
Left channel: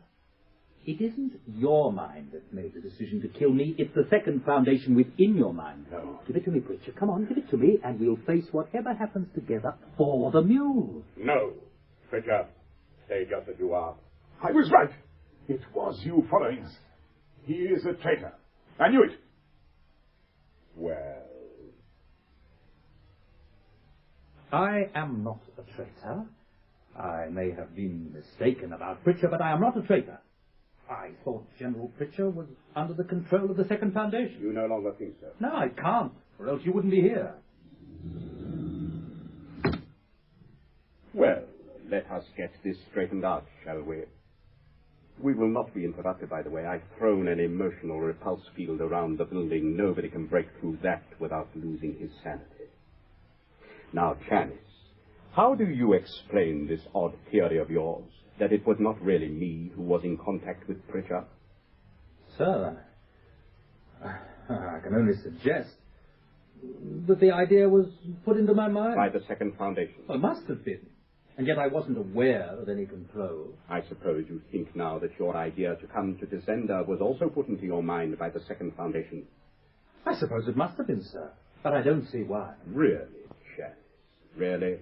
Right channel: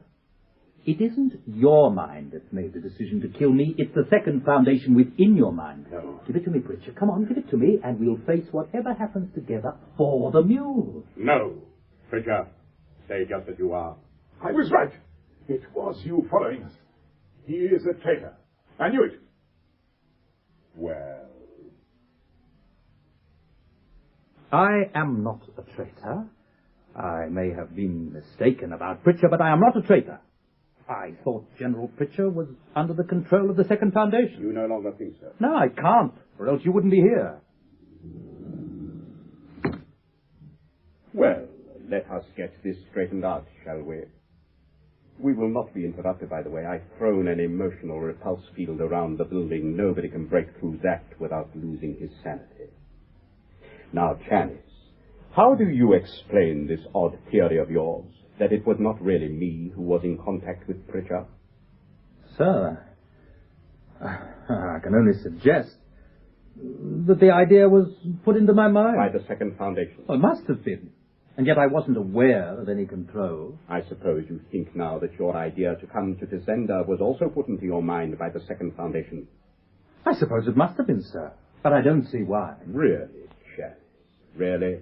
It isn't your mind that made the decision to kill me. It's the second foundation within your mind. No. Give it to me, Pritchard. Come on, give it to me, and we'll face whatever happens together for the mule. No, Pritchard. Stay just as you are. I was right. It was you following us. He is a traitor. I knew it. Well, I am not a traitor. I may have been mistaken about Pritchard, but I am not a traitor. I thought General Pritchard was under the control of the Second Foundation. You no longer think so? No, I can't, or else you wouldn't be here. Well, let us get this straightened out, shall we? We will not be interrupted, by the way. I've thrown an emotional repulse field around the building. Nobody can break through that without losing his sanity. Now, Janice, how do you explain this odd theory of yours, that it was not really me who was in contact with Pritchard? Sir, I can only suggest that the idea was put into my mind. By the Second Foundation? Well, it must have been. And yet I wasn't aware of any control. I suppose you think now that your idea to come to Descender was also put into your mind by the Second Foundation. I suppose it must have been, sir. But I don't see why. Really, Chance? Really?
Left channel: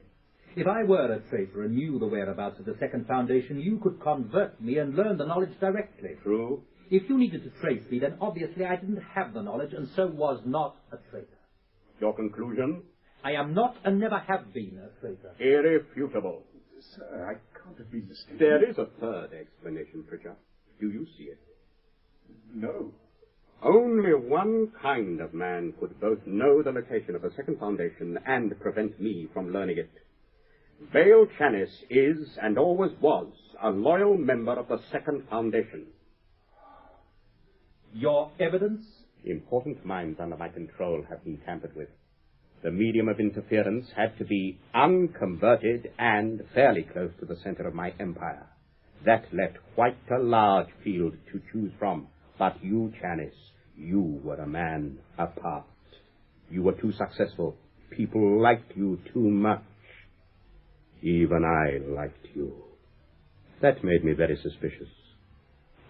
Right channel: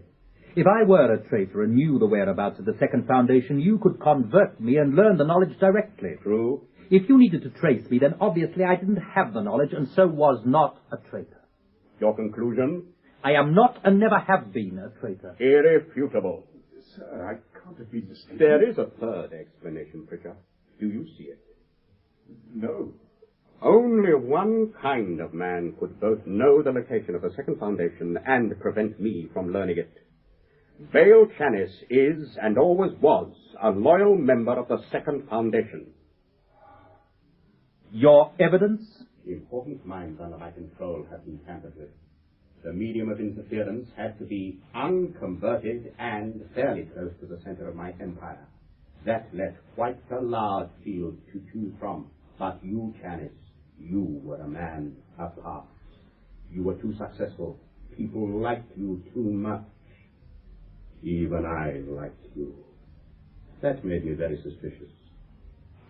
If I were a traitor and knew the whereabouts of the Second Foundation, you could convert me and learn the knowledge directly. True. If you needed to trace me, then obviously I didn't have the knowledge and so was not a traitor. Your conclusion? I am not and never have been a traitor. Irrefutable. Sir, I can't have been mistaken. There is a third explanation, Pritchard. Do you see it? No. Only one kind of man could both know the location of the Second Foundation and prevent me from learning it. Vale Chanis is, and always was, a loyal member of the Second Foundation. Your evidence? Important minds under my control have been tampered with. The medium of interference had to be unconverted and fairly close to the center of my empire. That left quite a large field to choose from. But you, Chanis, you were a man apart. You were too successful. People liked you too much. Even I liked you. That made me very suspicious.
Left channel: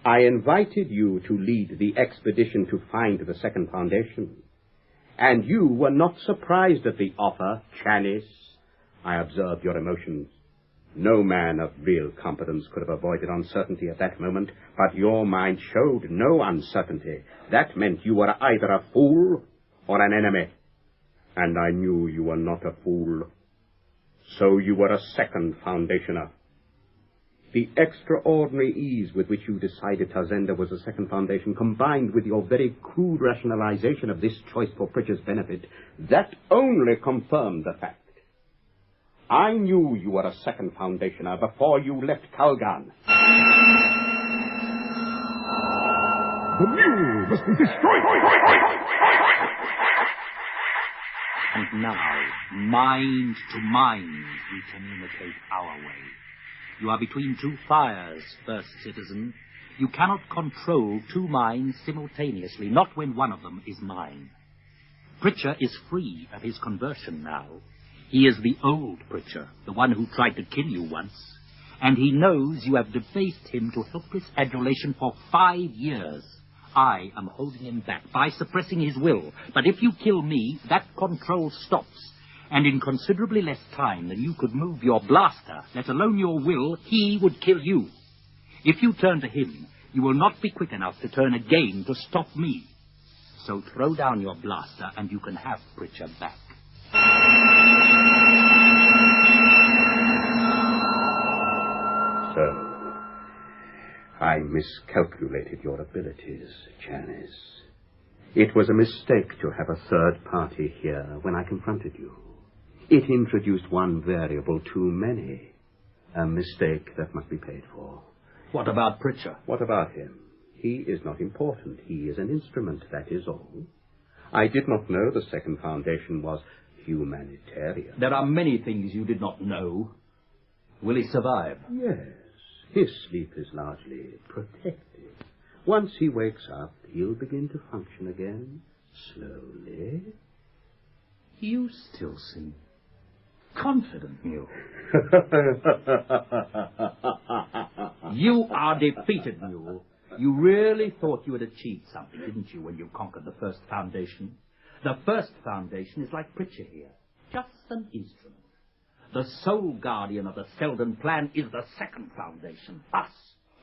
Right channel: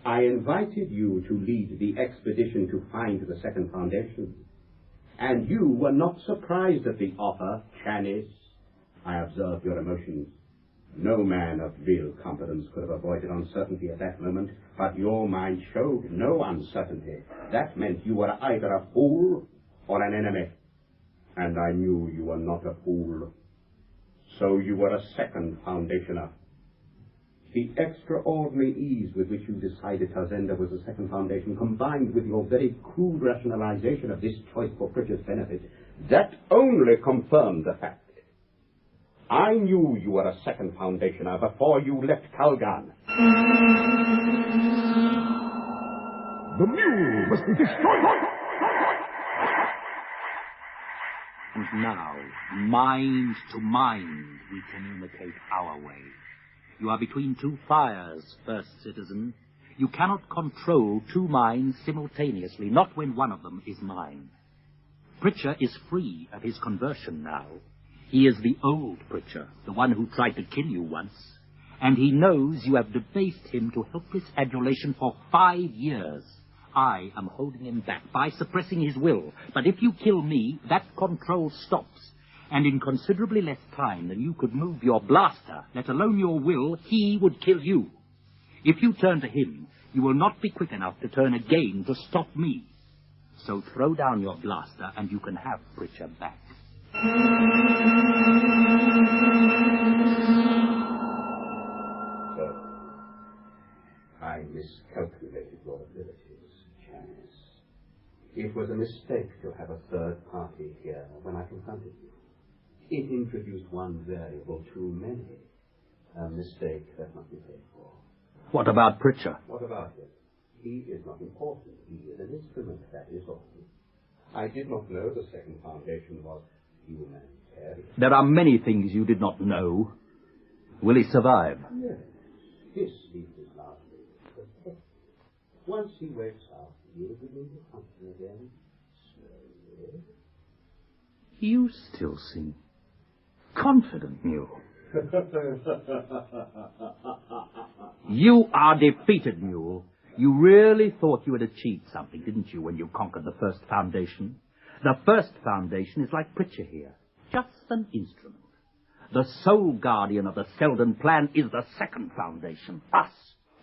I invited you to lead the expedition to find the Second Foundation. And you were not surprised at the offer, Chanis. I observed your emotions. No man of real competence could have avoided uncertainty at that moment, but your mind showed no uncertainty. That meant you were either a fool or an enemy. And I knew you were not a fool. So you were a Second Foundationer. The extraordinary ease with which you decided Tazenda was the Second Foundation, combined with your very crude rationalization of this choice for Pritchard's benefit, that only confirmed the fact. I knew you were a Second Foundationer before you left Calgan. The mule must be destroyed! And now, mind to mind, we communicate our way. You are between two fires, first citizen. You cannot control two minds simultaneously, not when one of them is mine. Pritchard is free of his conversion now. He is the old Pritchard, the one who tried to kill you once. And he knows you have debased him to helpless adulation for 5 years. I am holding him back by suppressing his will. But if you kill me, that control stops. And in considerably less time than you could move your blaster, let alone your will, he would kill you. If you turn to him, you will not be quick enough to turn again to stop me. So throw down your blaster and you can have Pritchard back. So, I miscalculated your abilities, Janice. It was a mistake to have a third party here when I confronted you. It introduced one variable too many. A mistake that must be paid for. What about Pritchard? What about him? He is not important. He is an instrument, that is all. I did not know the second foundation was humanitarian. There are many things you did not know. Will he survive? Yes. His sleep is largely protected. Once he wakes up, he'll begin to function again, slowly. You still seem confident, Mule. You are defeated, Mule. You really thought you had achieved something, didn't you, when you conquered the first foundation? The first foundation is like Pritchard here, just an instrument. The sole guardian of the Seldon plan is the second foundation. Us.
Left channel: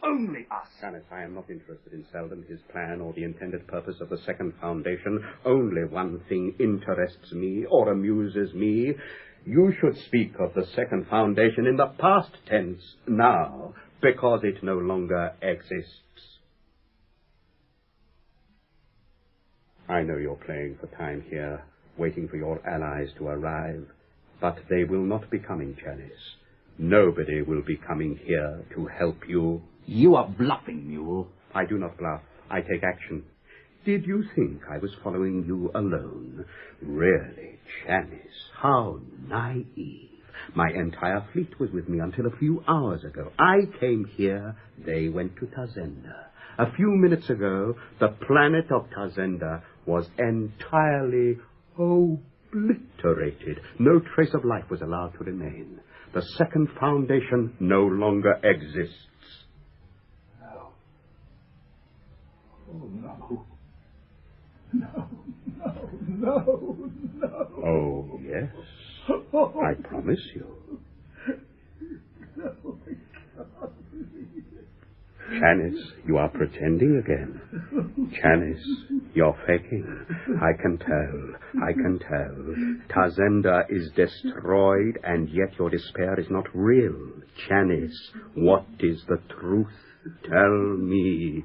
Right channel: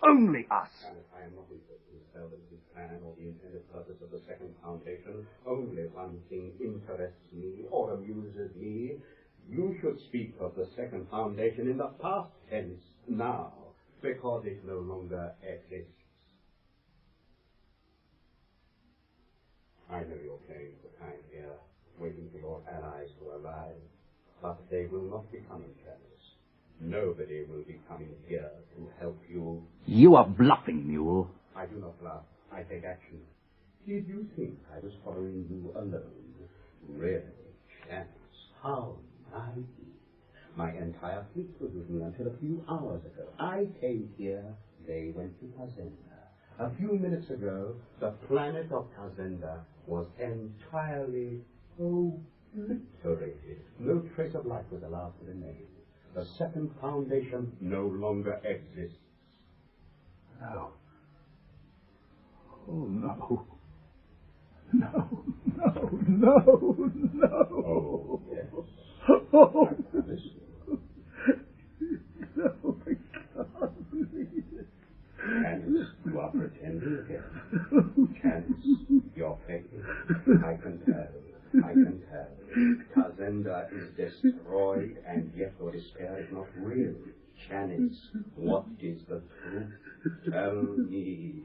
Only us. Janice, I am not interested in Seldon, his plan, or the intended purpose of the second foundation. Only one thing interests me, or amuses me. You should speak of the second foundation in the past tense now, because it no longer exists. I know you're playing for time here, waiting for your allies to arrive, but they will not be coming, Janice. Nobody will be coming here to help you. You are bluffing, Mule. I do not bluff. I take action. Did you think I was following you alone? Really, Janice, how naive. My entire fleet was with me until a few hours ago. I came here, they went to Tazenda. A few minutes ago, the planet of Tazenda was entirely obliterated. No trace of life was allowed to remain. The second foundation no longer exists. No. Oh, no. No, no, no, no. Oh, yes. I promise you. No, I can't believe it. Janice, you are pretending again. Janice, you're faking. I can tell. I can tell. Tazenda is destroyed, and yet your despair is not real. Janice, what is the truth? Tell me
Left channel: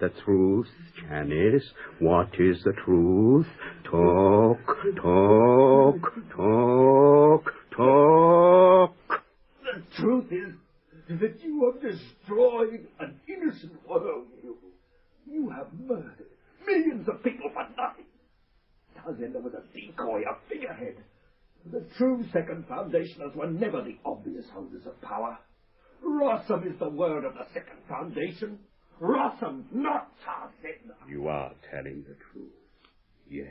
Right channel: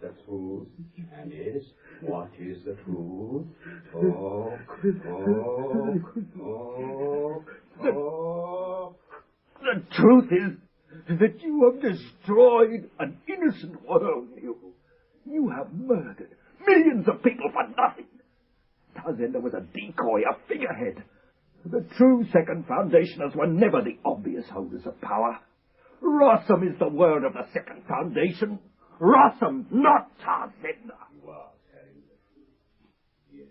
the truth, Janice. What is the truth? Talk, talk, talk, talk. The truth is that you have destroyed an innocent world. You have murdered millions of people for nothing. Tazenda was a decoy, a figurehead. The true second foundationers were never the obvious holders of power. Rossum is the word of the second foundation. Rossum, not Tazenda. You are telling the truth. Yes,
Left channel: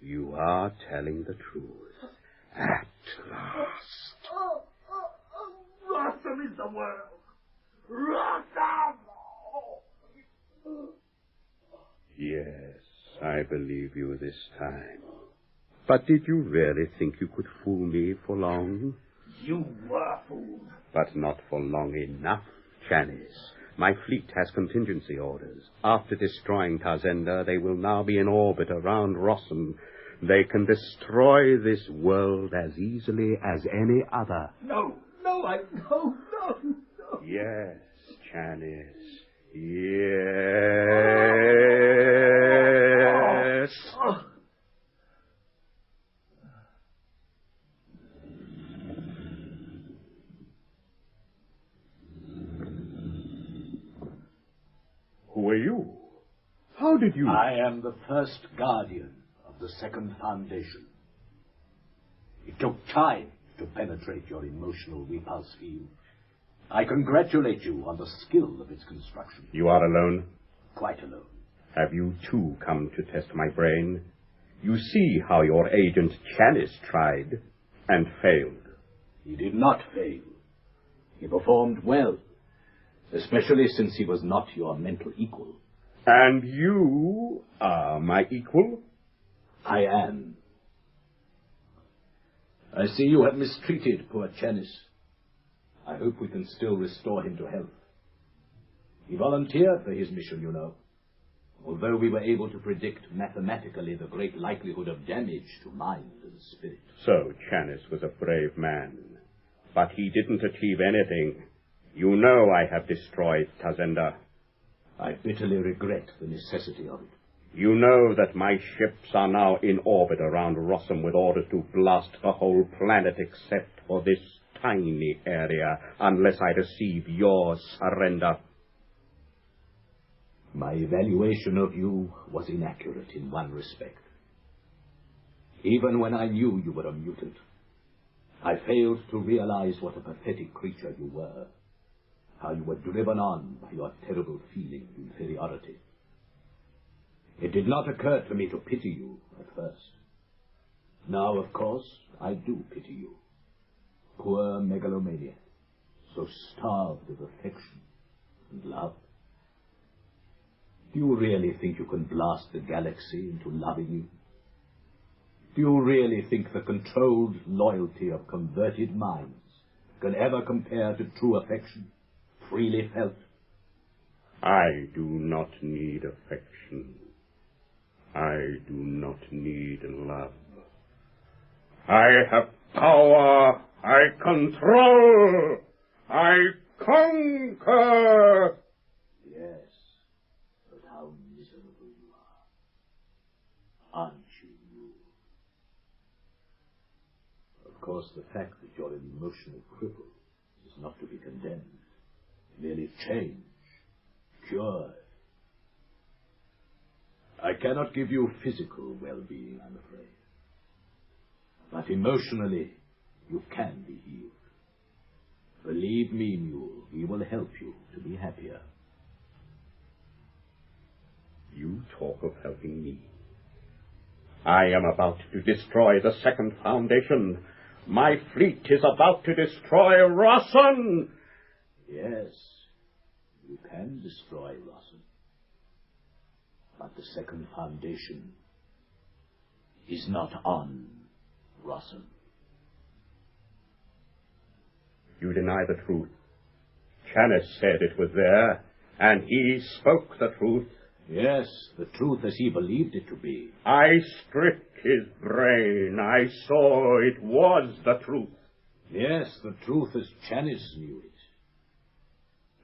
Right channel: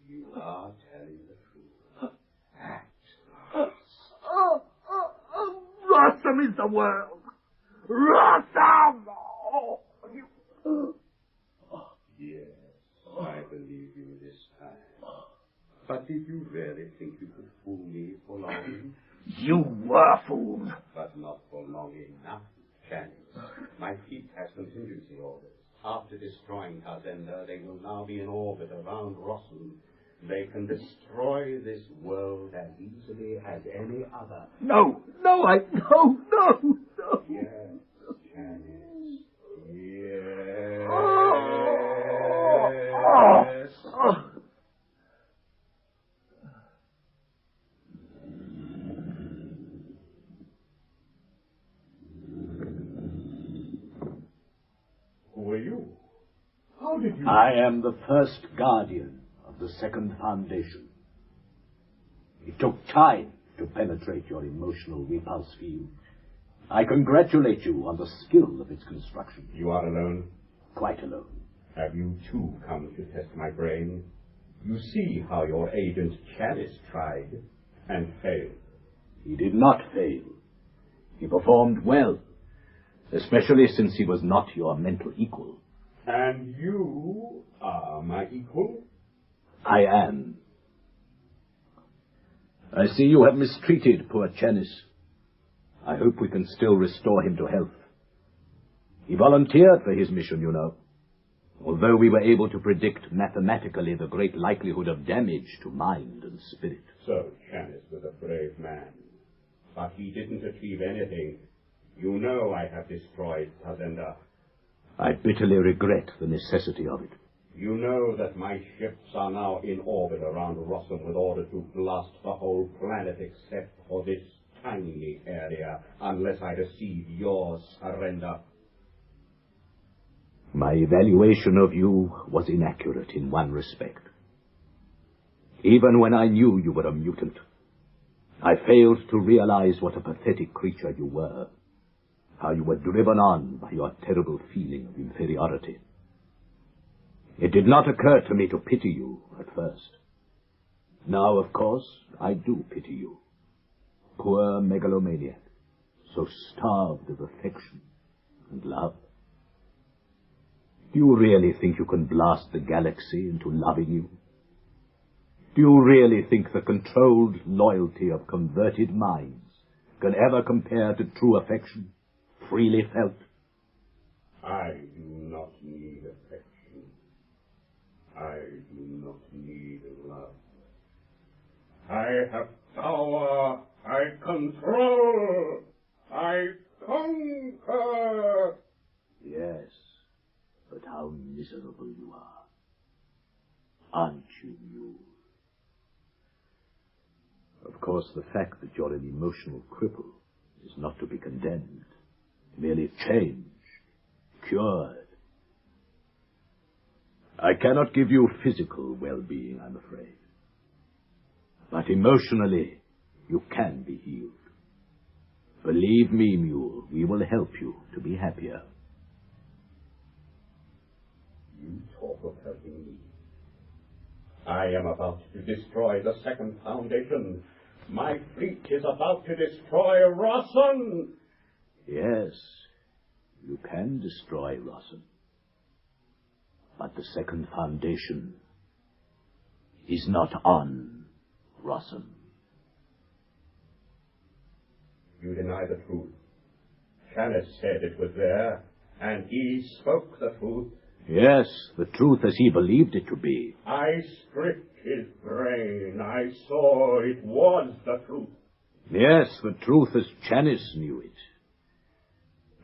you are telling the truth. At last. Rossum is the word. Rossum! Yes, I believe you this time. But did you really think you could fool me for long? You were fooled. But not for long enough, Janice. My fleet has contingency orders. After destroying Tazenda, they will now be in orbit around Rossum. They can destroy this world as easily as any other. No. Yes, Janice. Yes. Who are you? How did you... I am the first guardian of the second foundation. It took time to penetrate your emotional repulse field. I congratulate you on the skill of its construction. You are alone? Quite alone. Have you too come to test my brain? You see how your agent Janice tried and failed. He did not fail. He performed well, especially since he was not your mental equal. And you are my equal? I am. I see you have mistreated poor Chanis. I hope we can still restore him to health. He volunteered for his mission, you know. Although we were able to predict mathematically the great likelihood of damage to mind and spirit. So Chanis was a brave man. But he didn't achieve anything. You know I have destroyed Tazenda. I bitterly regret the necessity of it. You know that my ships are now in orbit around Rossum with orders to blast the whole planet except for this tiny area, unless I receive your surrender. My evaluation of you was inaccurate in one respect. Even when I knew you were a mutant, I failed to realize what a pathetic creature you were, how you were driven on by your terrible feeling of inferiority. It did not occur to me to pity you at first. Now, of course, I do pity you. Poor megalomaniac, so starved of affection and love. Do you really think you can blast the galaxy into loving you? Do you really think the controlled loyalty of converted minds can ever compare to true affection, freely felt? I do not need affection. I do not need love. I have power. I control. I conquer. Yes, but how miserable you are. Aren't you, Mule? Of course, the fact that you're an emotional cripple is not to be condemned. Merely change, cured. I cannot give you physical well-being, I'm afraid. But emotionally, you can be healed. Believe me, Mule, we will help you to be happier. You talk of helping me. I am about to destroy the second foundation. My fleet is about to destroy Rossum. Yes, you can destroy Rossum. But the second foundation is not on Rossum. You deny the truth. Chanis said it was there, and he spoke the truth. Yes, the truth as he believed it to be. I stripped his brain. I saw it was the truth. Yes, the truth as Chanis knew it.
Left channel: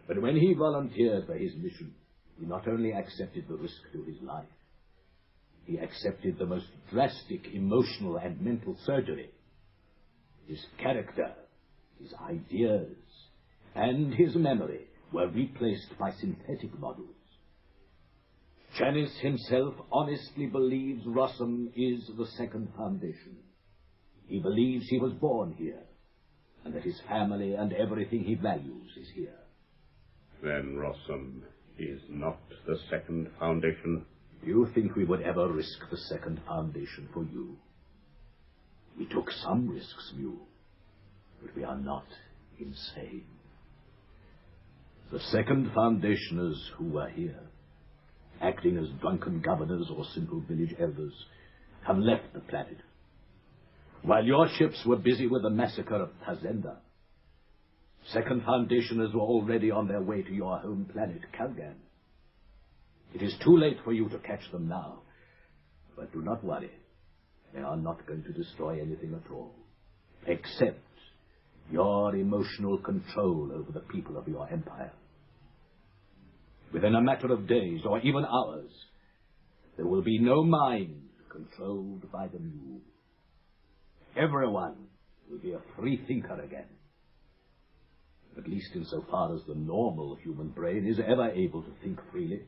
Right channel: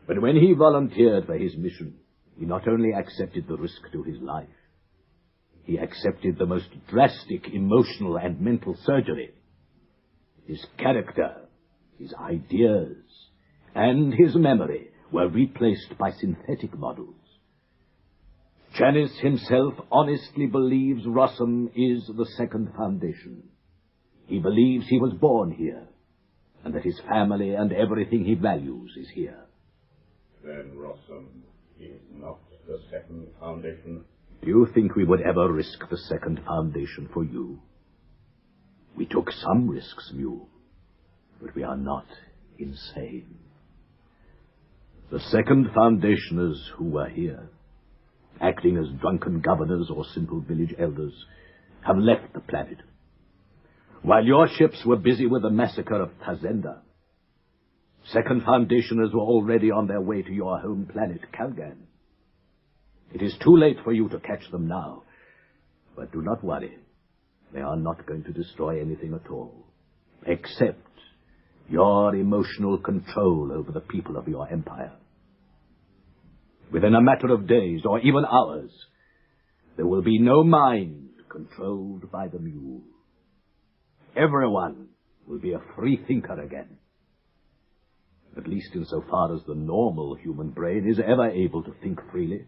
But when he volunteered for his mission, he not only accepted the risk to his life, he accepted the most drastic emotional and mental surgery. His character, his ideas, and his memory were replaced by synthetic models. Chanis himself honestly believes Rossum is the second foundation. He believes he was born here, and that his family and everything he values is here. Then Rossum is not the second foundation. Do you think we would ever risk the second foundation for you? We took some risks, Mule, but we are not insane. The second foundationers who were here, acting as drunken governors or simple village elders, have left the planet. While your ships were busy with the massacre of Tazenda, second foundationers were already on their way to your home planet, Calgan. It is too late for you to catch them now, but do not worry. They are not going to destroy anything at all, except your emotional control over the people of your empire. Within a matter of days, or even hours, there will be no mind controlled by the Mule. Everyone will be a free thinker again. At least insofar as the normal human brain is ever able to think freely.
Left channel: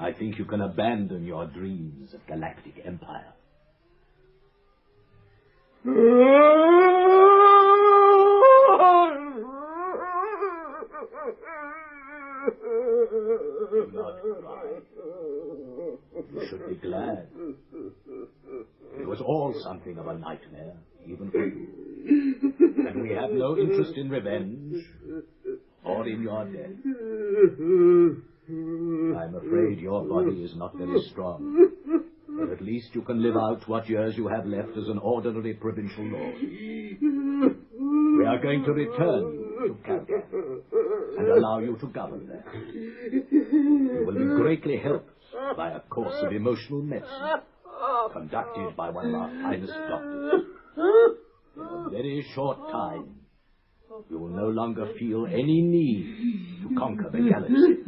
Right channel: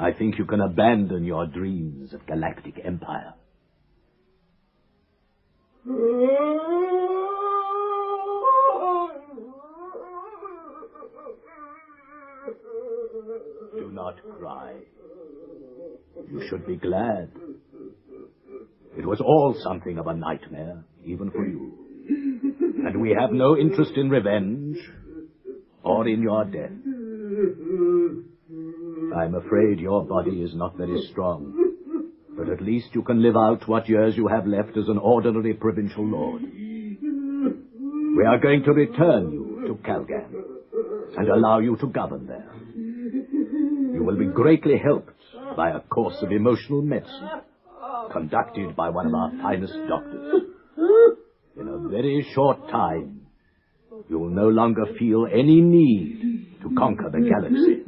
I think you can abandon your dreams of Galactic Empire. Do not cry. You should be glad. It was all something of a nightmare, even for you. And we have no interest in revenge or in your death. I'm afraid your body is not very strong. But at least you can live out what years you have left as an ordinary provincial lord. We are going to return you to Calgan and allow you to govern there. You will be greatly helped by a course of emotional medicine conducted by one of our finest doctors. In a very short time, you will no longer feel any need to conquer the galaxy.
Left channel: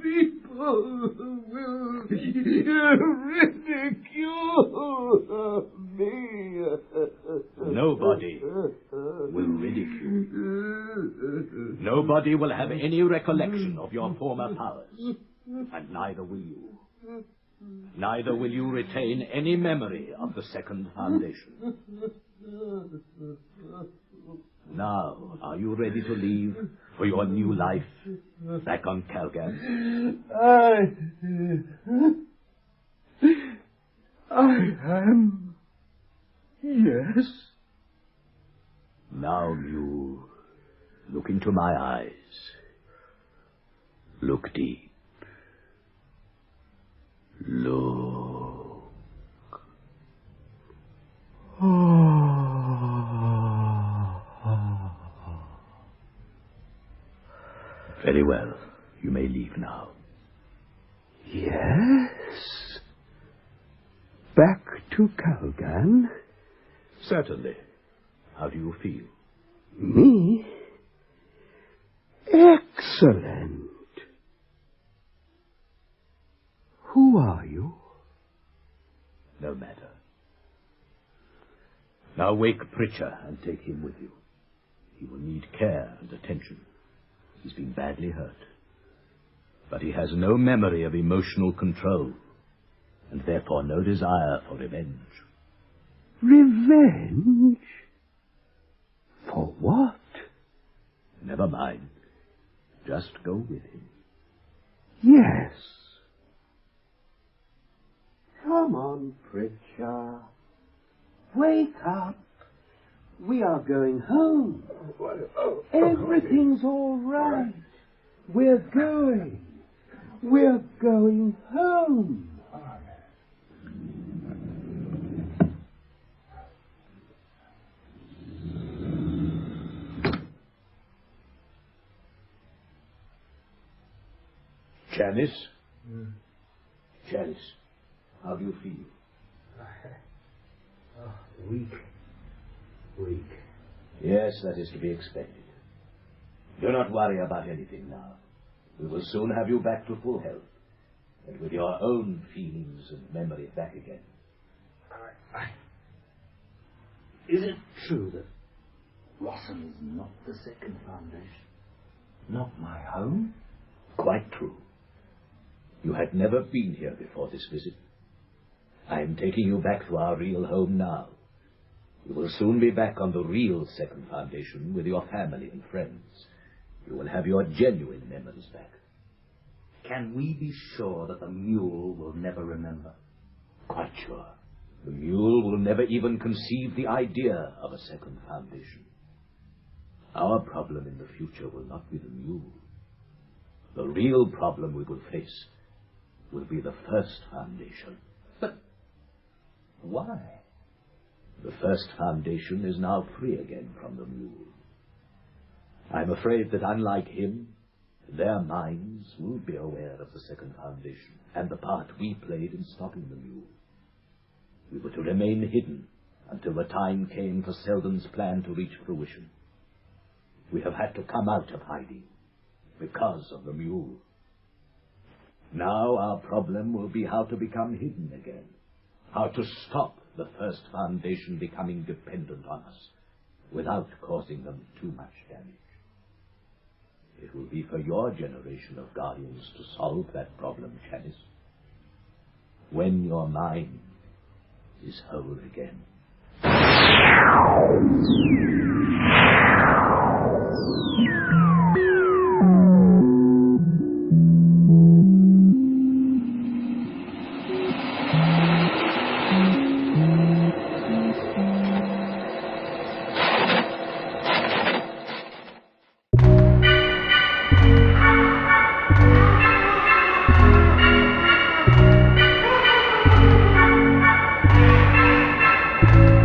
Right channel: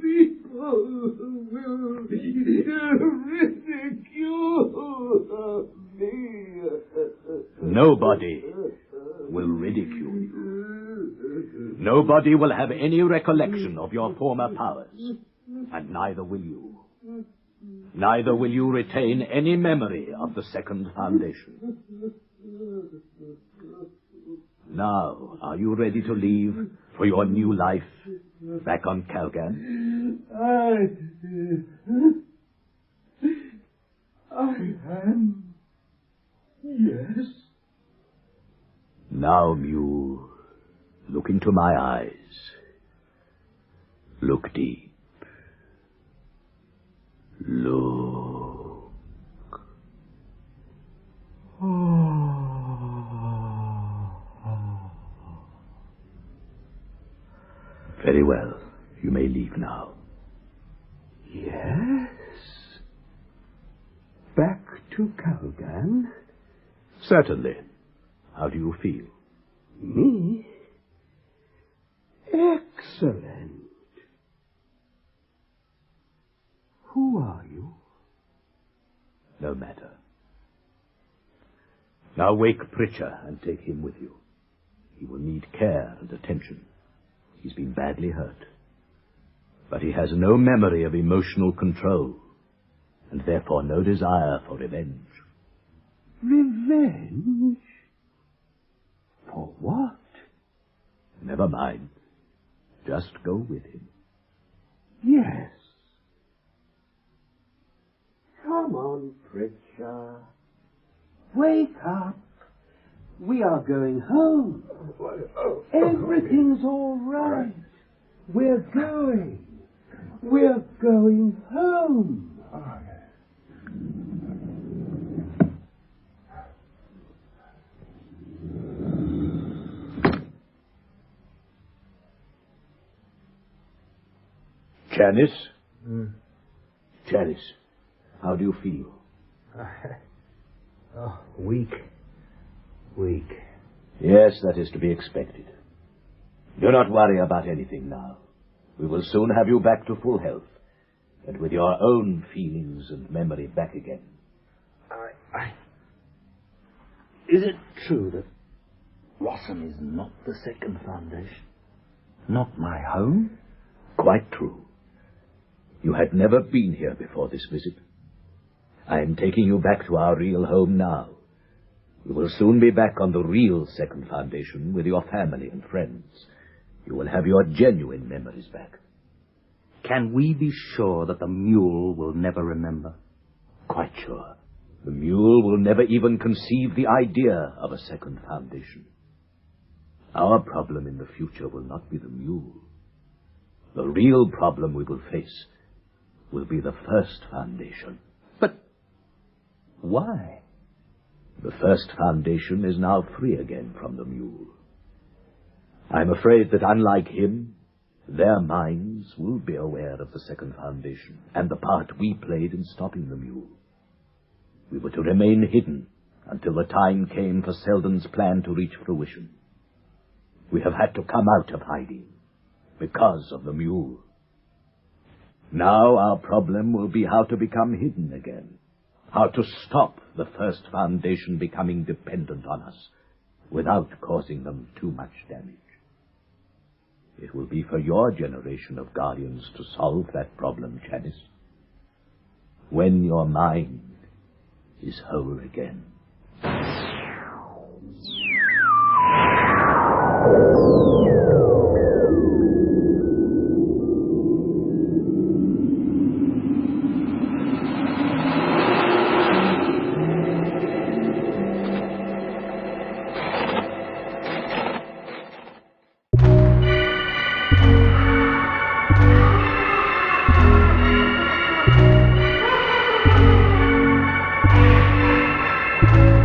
People will ridicule me. Nobody will ridicule you. Nobody will have any recollection of your former powers, and neither will you. Neither will you retain any memory of the second foundation. Now, are you ready to leave for your new life back on Calgan? I am. Yes. Now, Mule, look into my eyes. Look deep. Look. Very well. You may leave now. Yes? Back to Calgan? Certainly. How do you feel? Me? Excellent. Who are you? No matter. Now wake Pritchard and take him with you. He will need care and attention. He's been badly hurt. But he has no memory of emotional control, and therefore no desire for revenge. Revenge? For what? Never mind. Just go with him. Yes. Come on, Pritchard. Wake up. We are going home. Everything's all right. We're going home. Janice? Janice, how do you feel? Weak. Yes, that is to be expected. Do not worry about anything now. We will soon have you back to full health, and with your own feelings and memory back again. Is it true that Rossum is not the second foundation? Not my home? Quite true. You had never been here before this visit. I am taking you back to our real home now. You will soon be back on the real second foundation with your family and friends. You will have your genuine memories back. Can we be sure that the mule will never remember? Quite sure. The mule will never even conceive the idea of a second foundation. Our problem in the future will not be the mule. The real problem we will face will be the first foundation. But why? The first foundation is now free again from the mule. I'm afraid that unlike him, their minds will be aware of the second foundation and the part we played in stopping the mule. We were to remain hidden until the time came for Seldon's plan to reach fruition. We have had to come out of hiding because of the mule. Now our problem will be how to become hidden again, how to stop the first foundation becoming dependent on us without causing them too much damage. It will be for your generation of guardians to solve that problem, Janice, when your mind is whole again. Prelude.